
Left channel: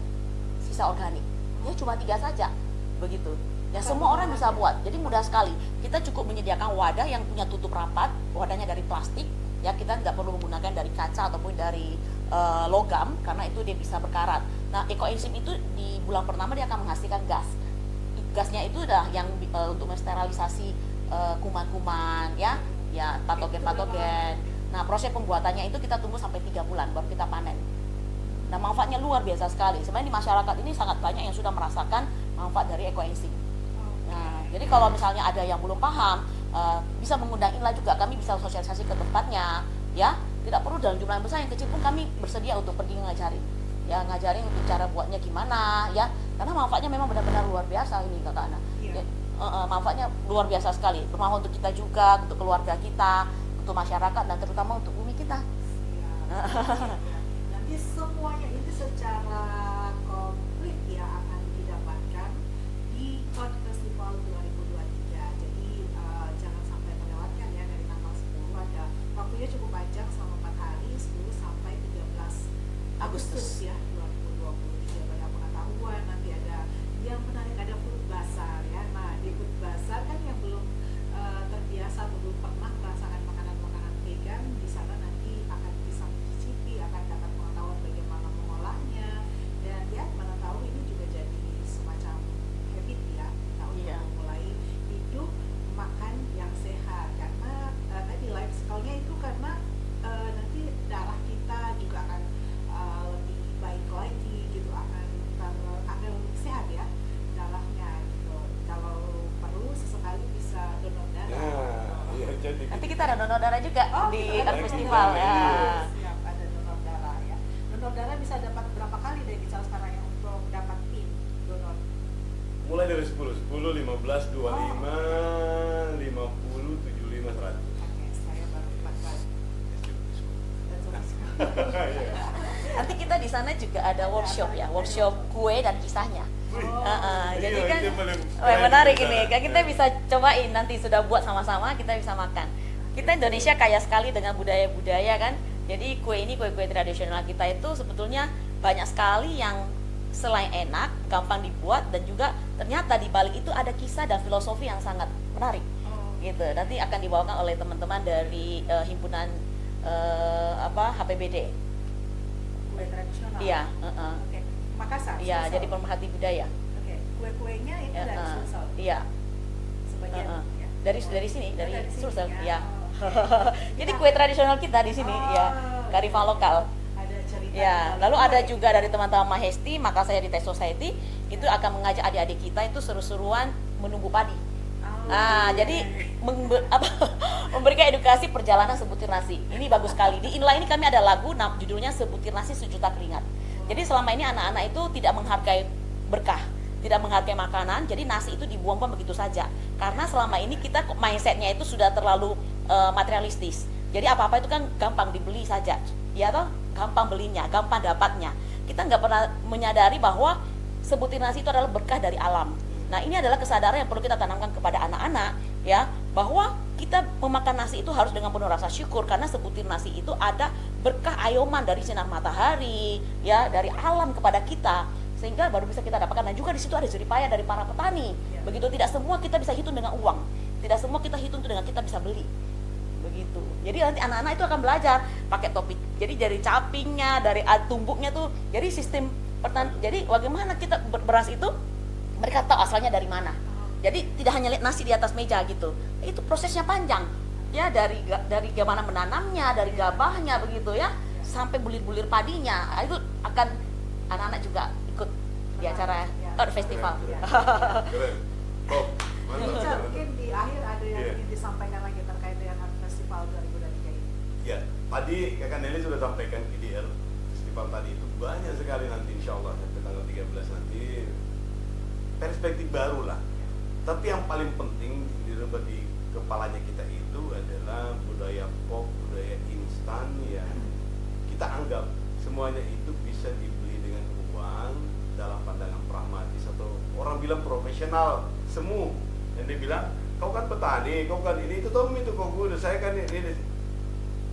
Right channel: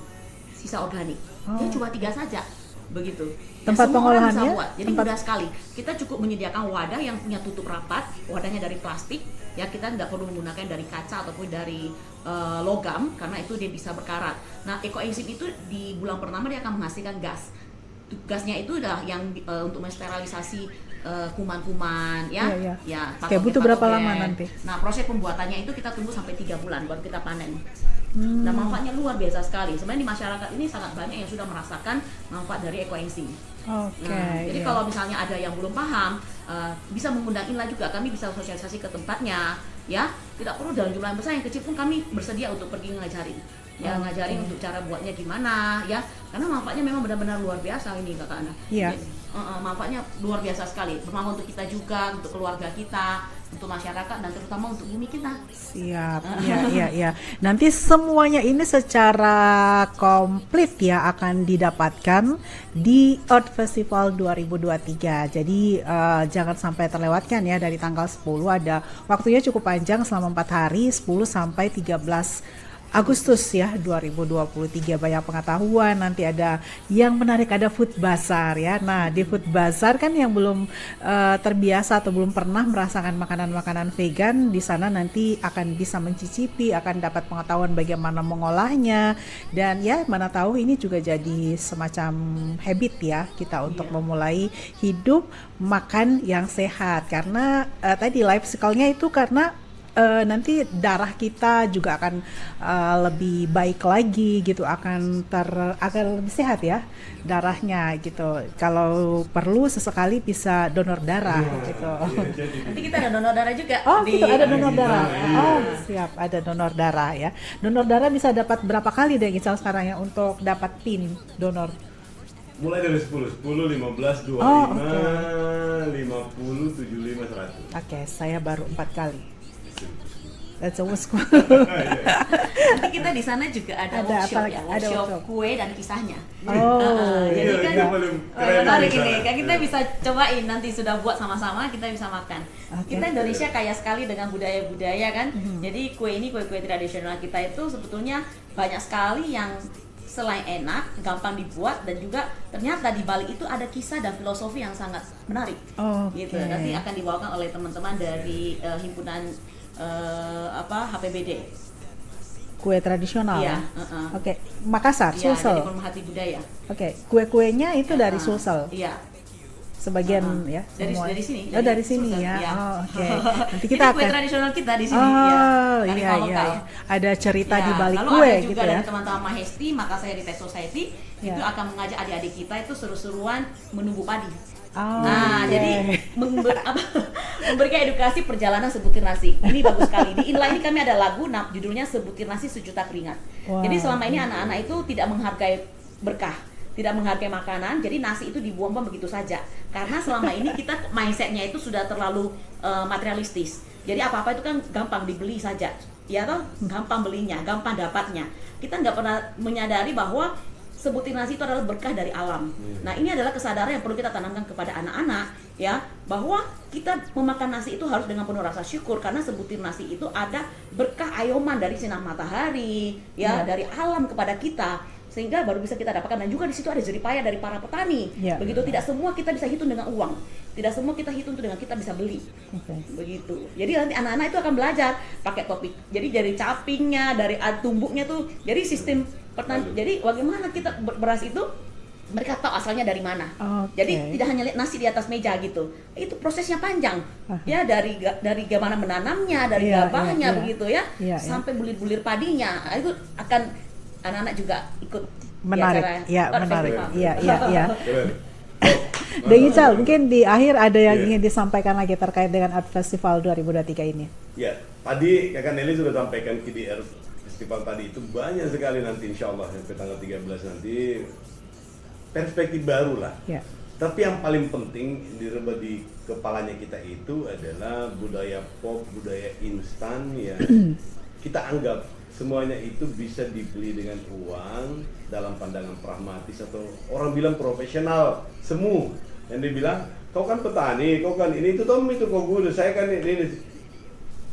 sisa organik. Jadi cuma 3 saja, begitu. Tempat pengolahannya? Jadi mudah sekali. Kita cukup menyediakan wadah yang punya tutup rapat, wadahnya dari plastik. Ya kita tidak perlu menggunakan dari kaca ataupun dari logam, karena itu dia bisa berkarat. Nah, ekoenzim itu di bulan pertama dia akan menghasilkan gas. Gasnya itu adalah yang untuk mensterilisasi kuman-kuman ya. Butuh berapa lama nanti? Nah proses pembuatannya itu kita tunggu sampai 3 bulan baru kita panen. Nah manfaatnya luar biasa sekali. Sebenarnya masyarakat ini sangat banyak yang sudah merasakan manfaat dari ekoenzim. Jadi kalau misalnya ada yang belum paham, bisa mengundang Inla juga, kami bisa sosialisasi ke tempatnya ya. Tidak perlu dalam jumlah besar, yang kecil pun kami bersedia untuk pergi ngajari. Ya ngajarin cara buatnya gimana ya, karena manfaatnya memang benar-benar luar biasa nih Kak. Manfaatnya luar biasa sekali, mau untuk kita juga, untuk keluarga kita, untuk untuk masyarakat dan terutama untuk ini kita. Siap, ya. Nanti semuanya ini secara komplit ya akan didapatkan di Earth Festival 2023. Jadi jangan sampai terlewatkan ya, dari tanggal 10 ada waktunya cukup panjang selama 4 hari, 10 sampai 13 Agustus ya 2023. Banyak pengetahuan, nanti ada yang menarik, ada food bazaar ya. Nah di food bazaar kan yang belum terbiasa atau belum pernah merasakan makanan-makanan vegan, di sana nanti akan bisa mencicipi, akan dapat pengetahuan bagaimana mengolahnya, dan ya mana tahu ini juga jadi semacam habit ya kita untuk memulai hidup makan yang sehat, karena tadi life cycle-nya itu karena nanti darah kita juga akan lebih baik lagi gitu, akan lebih sehat ya darahnya gitu. Kalau perlu sesekali bisa donor darah gitu. Nanti kita ada donor darah juga. Oh gitu, ada donor darah. Oh siap, ada donor darah ya. Donor darah bisa dapat berapa kali deh Gisal sekarang ya untuk dapat PIN donor? Mulai dari 10, 15, 25, 50, 75, 100. Oke, saya baru 4 kali. That's always cool. Nanti kita di sana juga ada workshop ya, workshop kue dan kisahnya. Jadi kan kita bisa cobain, nanti sudah buat sama-sama, kita bisa makan. Kita Indonesia kaya sekali dengan budaya-budaya kan. Jadi kue tradisional kita itu sebetulnya banyak sekali yang selain enak, gampang dibuat, dan juga ternyata di Bali itu ada kisah dan filosofi yang sangat menarik. Gitu. Nanti akan dibawakan oleh teman-teman dari himpunan HPBD. Kue tradisional. Iya. Oke. Makassar, Sulsel. Oke. Kue-kuenya itu dari Sulsel. Iya. Sebagian ya. Dari sini. Oh dari sini ya. Oke. Nanti kita akan. Kue tradisional kita di sini. Iya. Ada cerita di balik kue juga. Ada teman-teman Mahesti, Makassar Event Society, itu akan mengajak adik-adik kita itu seru-seruan menu padi. Jadi memberikan edukasi perjalanan Sebukit Nasi. Ini bagus sekali. Di Inline kami ada lagu, judulnya Sebukit Nasi Sejuta Keringat. Jadi selama ini anak-anak itu tidak menghargai berkah, tidak menghargai makanan, jadi nasi itu dibuang begitu saja. Karena selama ini kita mindsetnya itu sudah terlalu materialistis. Jadi apa-apa itu kan gampang dibeli saja, ya toh, gampang belinya, gampang dapatnya. Kita nggak pernah menyadari bahwa Sebukit Nasi itu adalah berkah dari alam. Nah ini adalah kesadaran yang perlu kita tanamkan kepada anak-anak ya, bahwa kita memakan nasi itu harus dengan penuh rasa syukur, karena Sebukit Nasi itu ada berkah ayoman dari sinar matahari ya, dari alam kepada kita, sehingga baru bisa kita dapatkan. Dan juga di situ ada jerih payah dari para petani. Begitu, tidak semua kita bisa hitung dengan uang, tidak semua kita hitung dengan kita bisa beli. Begitu. Jadi nanti anak-anak itu akan belajar pakai topik. Jadi dari capingnya, dari tumbuknya tuh, jadi sistem petani. Jadi bagaimana kita beras itu mereka tahu asalnya dari mana. Jadi tidak hanya nasi di atas meja gitu. Itu prosesnya panjang. Ya dari gimana menanamnya, dari gabangnya begitu ya, sampai bulir-bulir padinya. Itu akan anak-anak juga ikut. Menarik. Menarik. Iya. Gisal, mungkin di akhir ada yang ingin disampaikan lagi terkait dengan Art Festival 2023 ini. Ya, tadi Kakak Nelly sudah sampaikan KDR Festival tadi itu banyak sekali nanti insya Allah sampai tanggal 13 nanti. Perspektif baru lah. Tapi yang paling penting direba di kepalanya kita itu adalah budaya pop, budaya instan ya. Kita anggap semuanya itu bisa dibeli dengan uang dalam pandangan pragmatis, atau orang bilang profesional semu. Yang dia bilang, kau kan petani, kau kan ini, itu kau mikir kau gula, saya kan ini.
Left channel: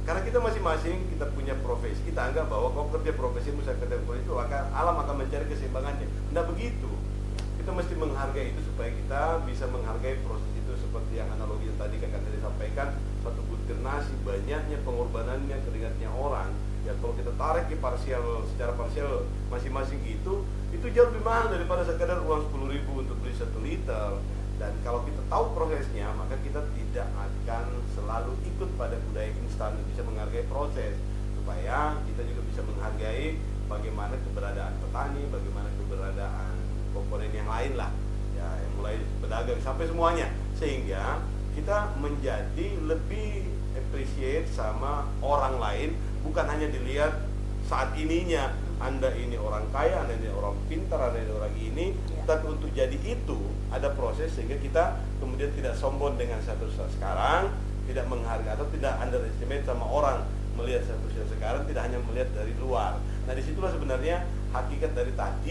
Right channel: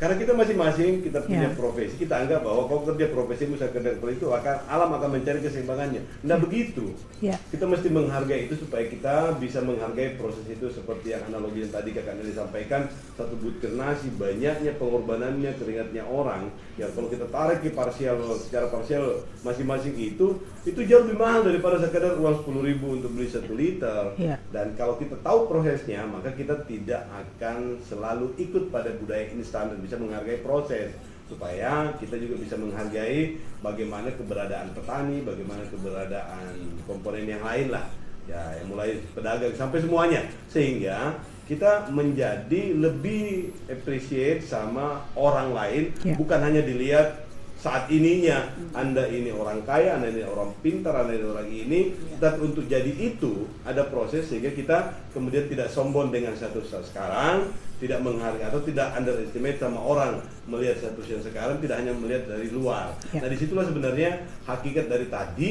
Karena kita masing-masing kita punya profesi, kita anggap bahwa kau kerja profesi, misalnya kerja profesi itu alam akan mencari keseimbangannya. Tidak begitu. Kita mesti menghargai itu supaya kita bisa menghargai proses itu, seperti yang analogi tadi Kakak Nelly sampaikan, satu butir nasi, banyaknya pengorbanannya, keringatnya orang. Ya kalau kita tarik secara parsial masing-masing itu jauh lebih mahal daripada sekedar uang 10.000 untuk beli 1 liter. Dan kalau kita tahu prosesnya, maka kita tidak akan selalu ikut pada budaya instan dan bisa menghargai proses, supaya kita juga bisa menghargai bagaimana keberadaan petani, bagaimana keberadaan komponen yang lain lah, ya yang mulai pedagang sampai semuanya, sehingga kita menjadi lebih appreciate sama orang lain, bukan hanya dilihat saat ininya, Anda ini orang kaya, Anda ini orang pintar, Anda ini orang ini. Dan untuk jadi itu ada proses sehingga kita kemudian tidak sombong dengan status sekarang, tidak menghargai atau tidak underestimate sama orang melihat satu yang sekarang, tidak hanya melihat dari luar. Nah disitulah sebenarnya hakikat dari tadi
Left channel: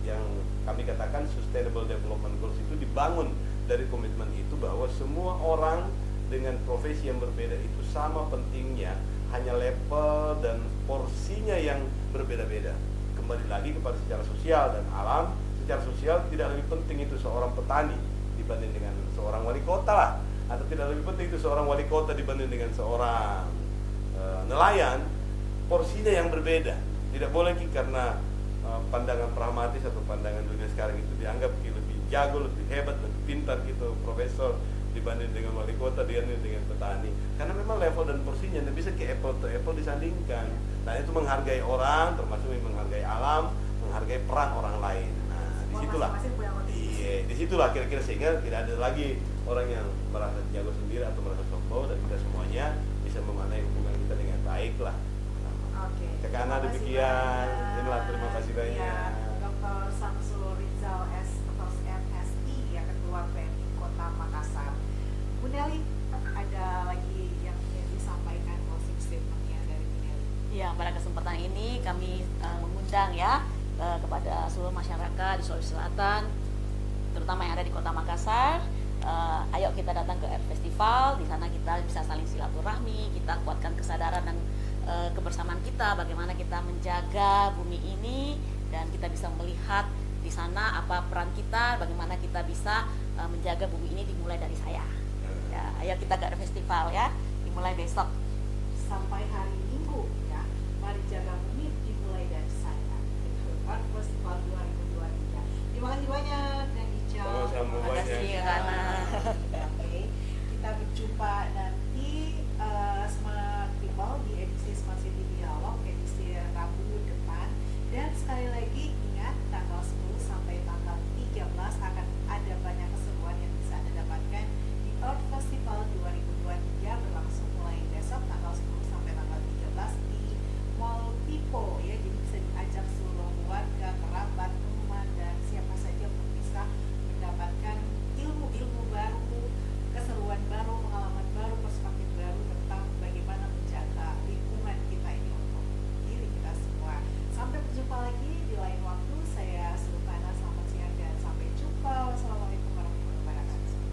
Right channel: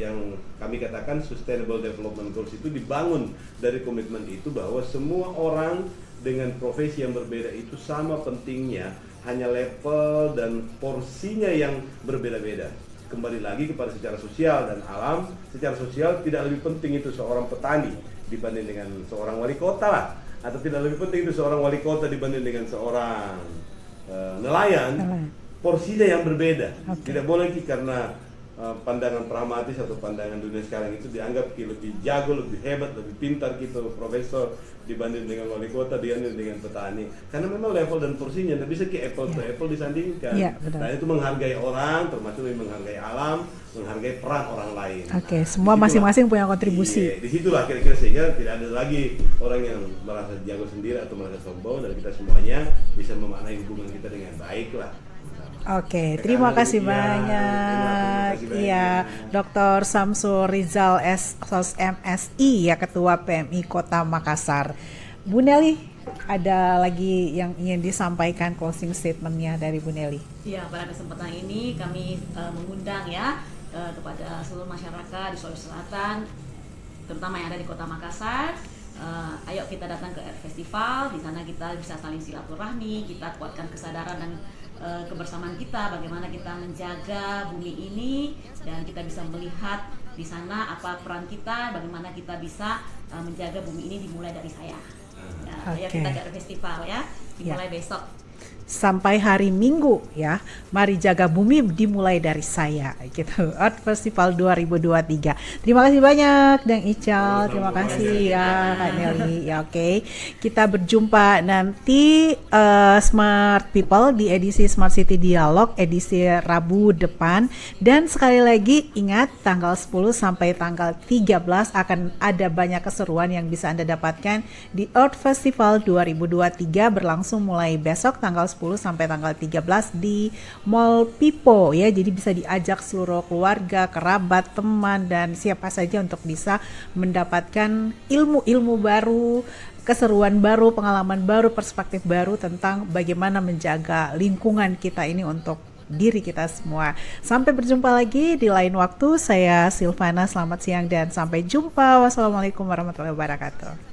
yang kami katakan Sustainable Development Goals itu dibangun dari komitmen itu bahwa semua orang dengan profesi yang berbeda itu sama pentingnya, hanya level dan porsinya yang berbeda-beda. Kembali lagi kepada secara sosial dan alam. Secara sosial tidak lebih penting itu seorang petani dibanding dengan seorang wali kota, atau tidak lebih penting itu seorang wali kota dibanding dengan seorang nelayan. Porsinya yang berbeda. Tidak boleh karena pandangan pragmatis atau pandangan dunia sekarang itu dianggap lebih jago, lebih hebat, lebih pintar gitu, profesor dibanding dengan wali kota, dibanding dengan petani. Karena memang level dan porsinya tidak bisa ke apple to apple disandingkan. Nah itu menghargai orang, termasuk menghargai alam, menghargai peran orang lain. Semua masing-masing punya kontribusi. Di situlah kira-kira sehingga tidak ada lagi orang yang merasa jago sendiri atau merasa sombong, dan kita semuanya bisa memaknai hubungan kita dengan baik lah. Terima kasih banyak. Iya, Dr. Samsul Rizal SOS MSI ya, Ketua PMI Kota Makassar. Bu Nelly, ada lagi yang ingin disampaikan closing statement-nya dari Bu Nelly? Iya, pada kesempatan ini kami mengundang ya kepada seluruh masyarakat di Sulawesi Selatan, terutama yang ada di Kota Makassar. Ayo kita datang ke festival, di sana kita bisa saling silaturahmi, kita kuatkan kesadaran dan kebersamaan kita, bagaimana kita menjaga bumi ini, dan kita bisa melihat di sana apa peran kita, bagaimana kita bisa menjaga bumi ini dimulai dari saya. Ya, kita ada festival ya, dimulai besok. Sampai hari Minggu ya, mari jaga bumi dimulai dari saya gitu. Art Festival 2023. Terima kasih banyak Dang Ical, terima kasih ya Kak Nelly. Ya, kita berjumpa nanti Smart People di edisi Smart City Dialog edisi Rabu depan, dan sekali lagi ingat tanggal 10 sampai tanggal 13 akan ada banyak keseruan yang bisa Anda dapatkan di Art Festival 2023 berlangsung mulai besok tanggal 10 sampai tanggal 13 di Mall Pipo ya. Jadi bisa diajak seluruh keluarga, kerabat, teman, dan siapa saja untuk bisa mendapatkan ilmu-ilmu baru, keseruan baru, pengalaman baru, perspektif baru tentang bagaimana menjaga lingkungan kita ini untuk diri kita semua. Sampai berjumpa lagi di lain waktu. Saya Silvana, selamat siang dan sampai jumpa. Wassalamualaikum warahmatullahi wabarakatuh.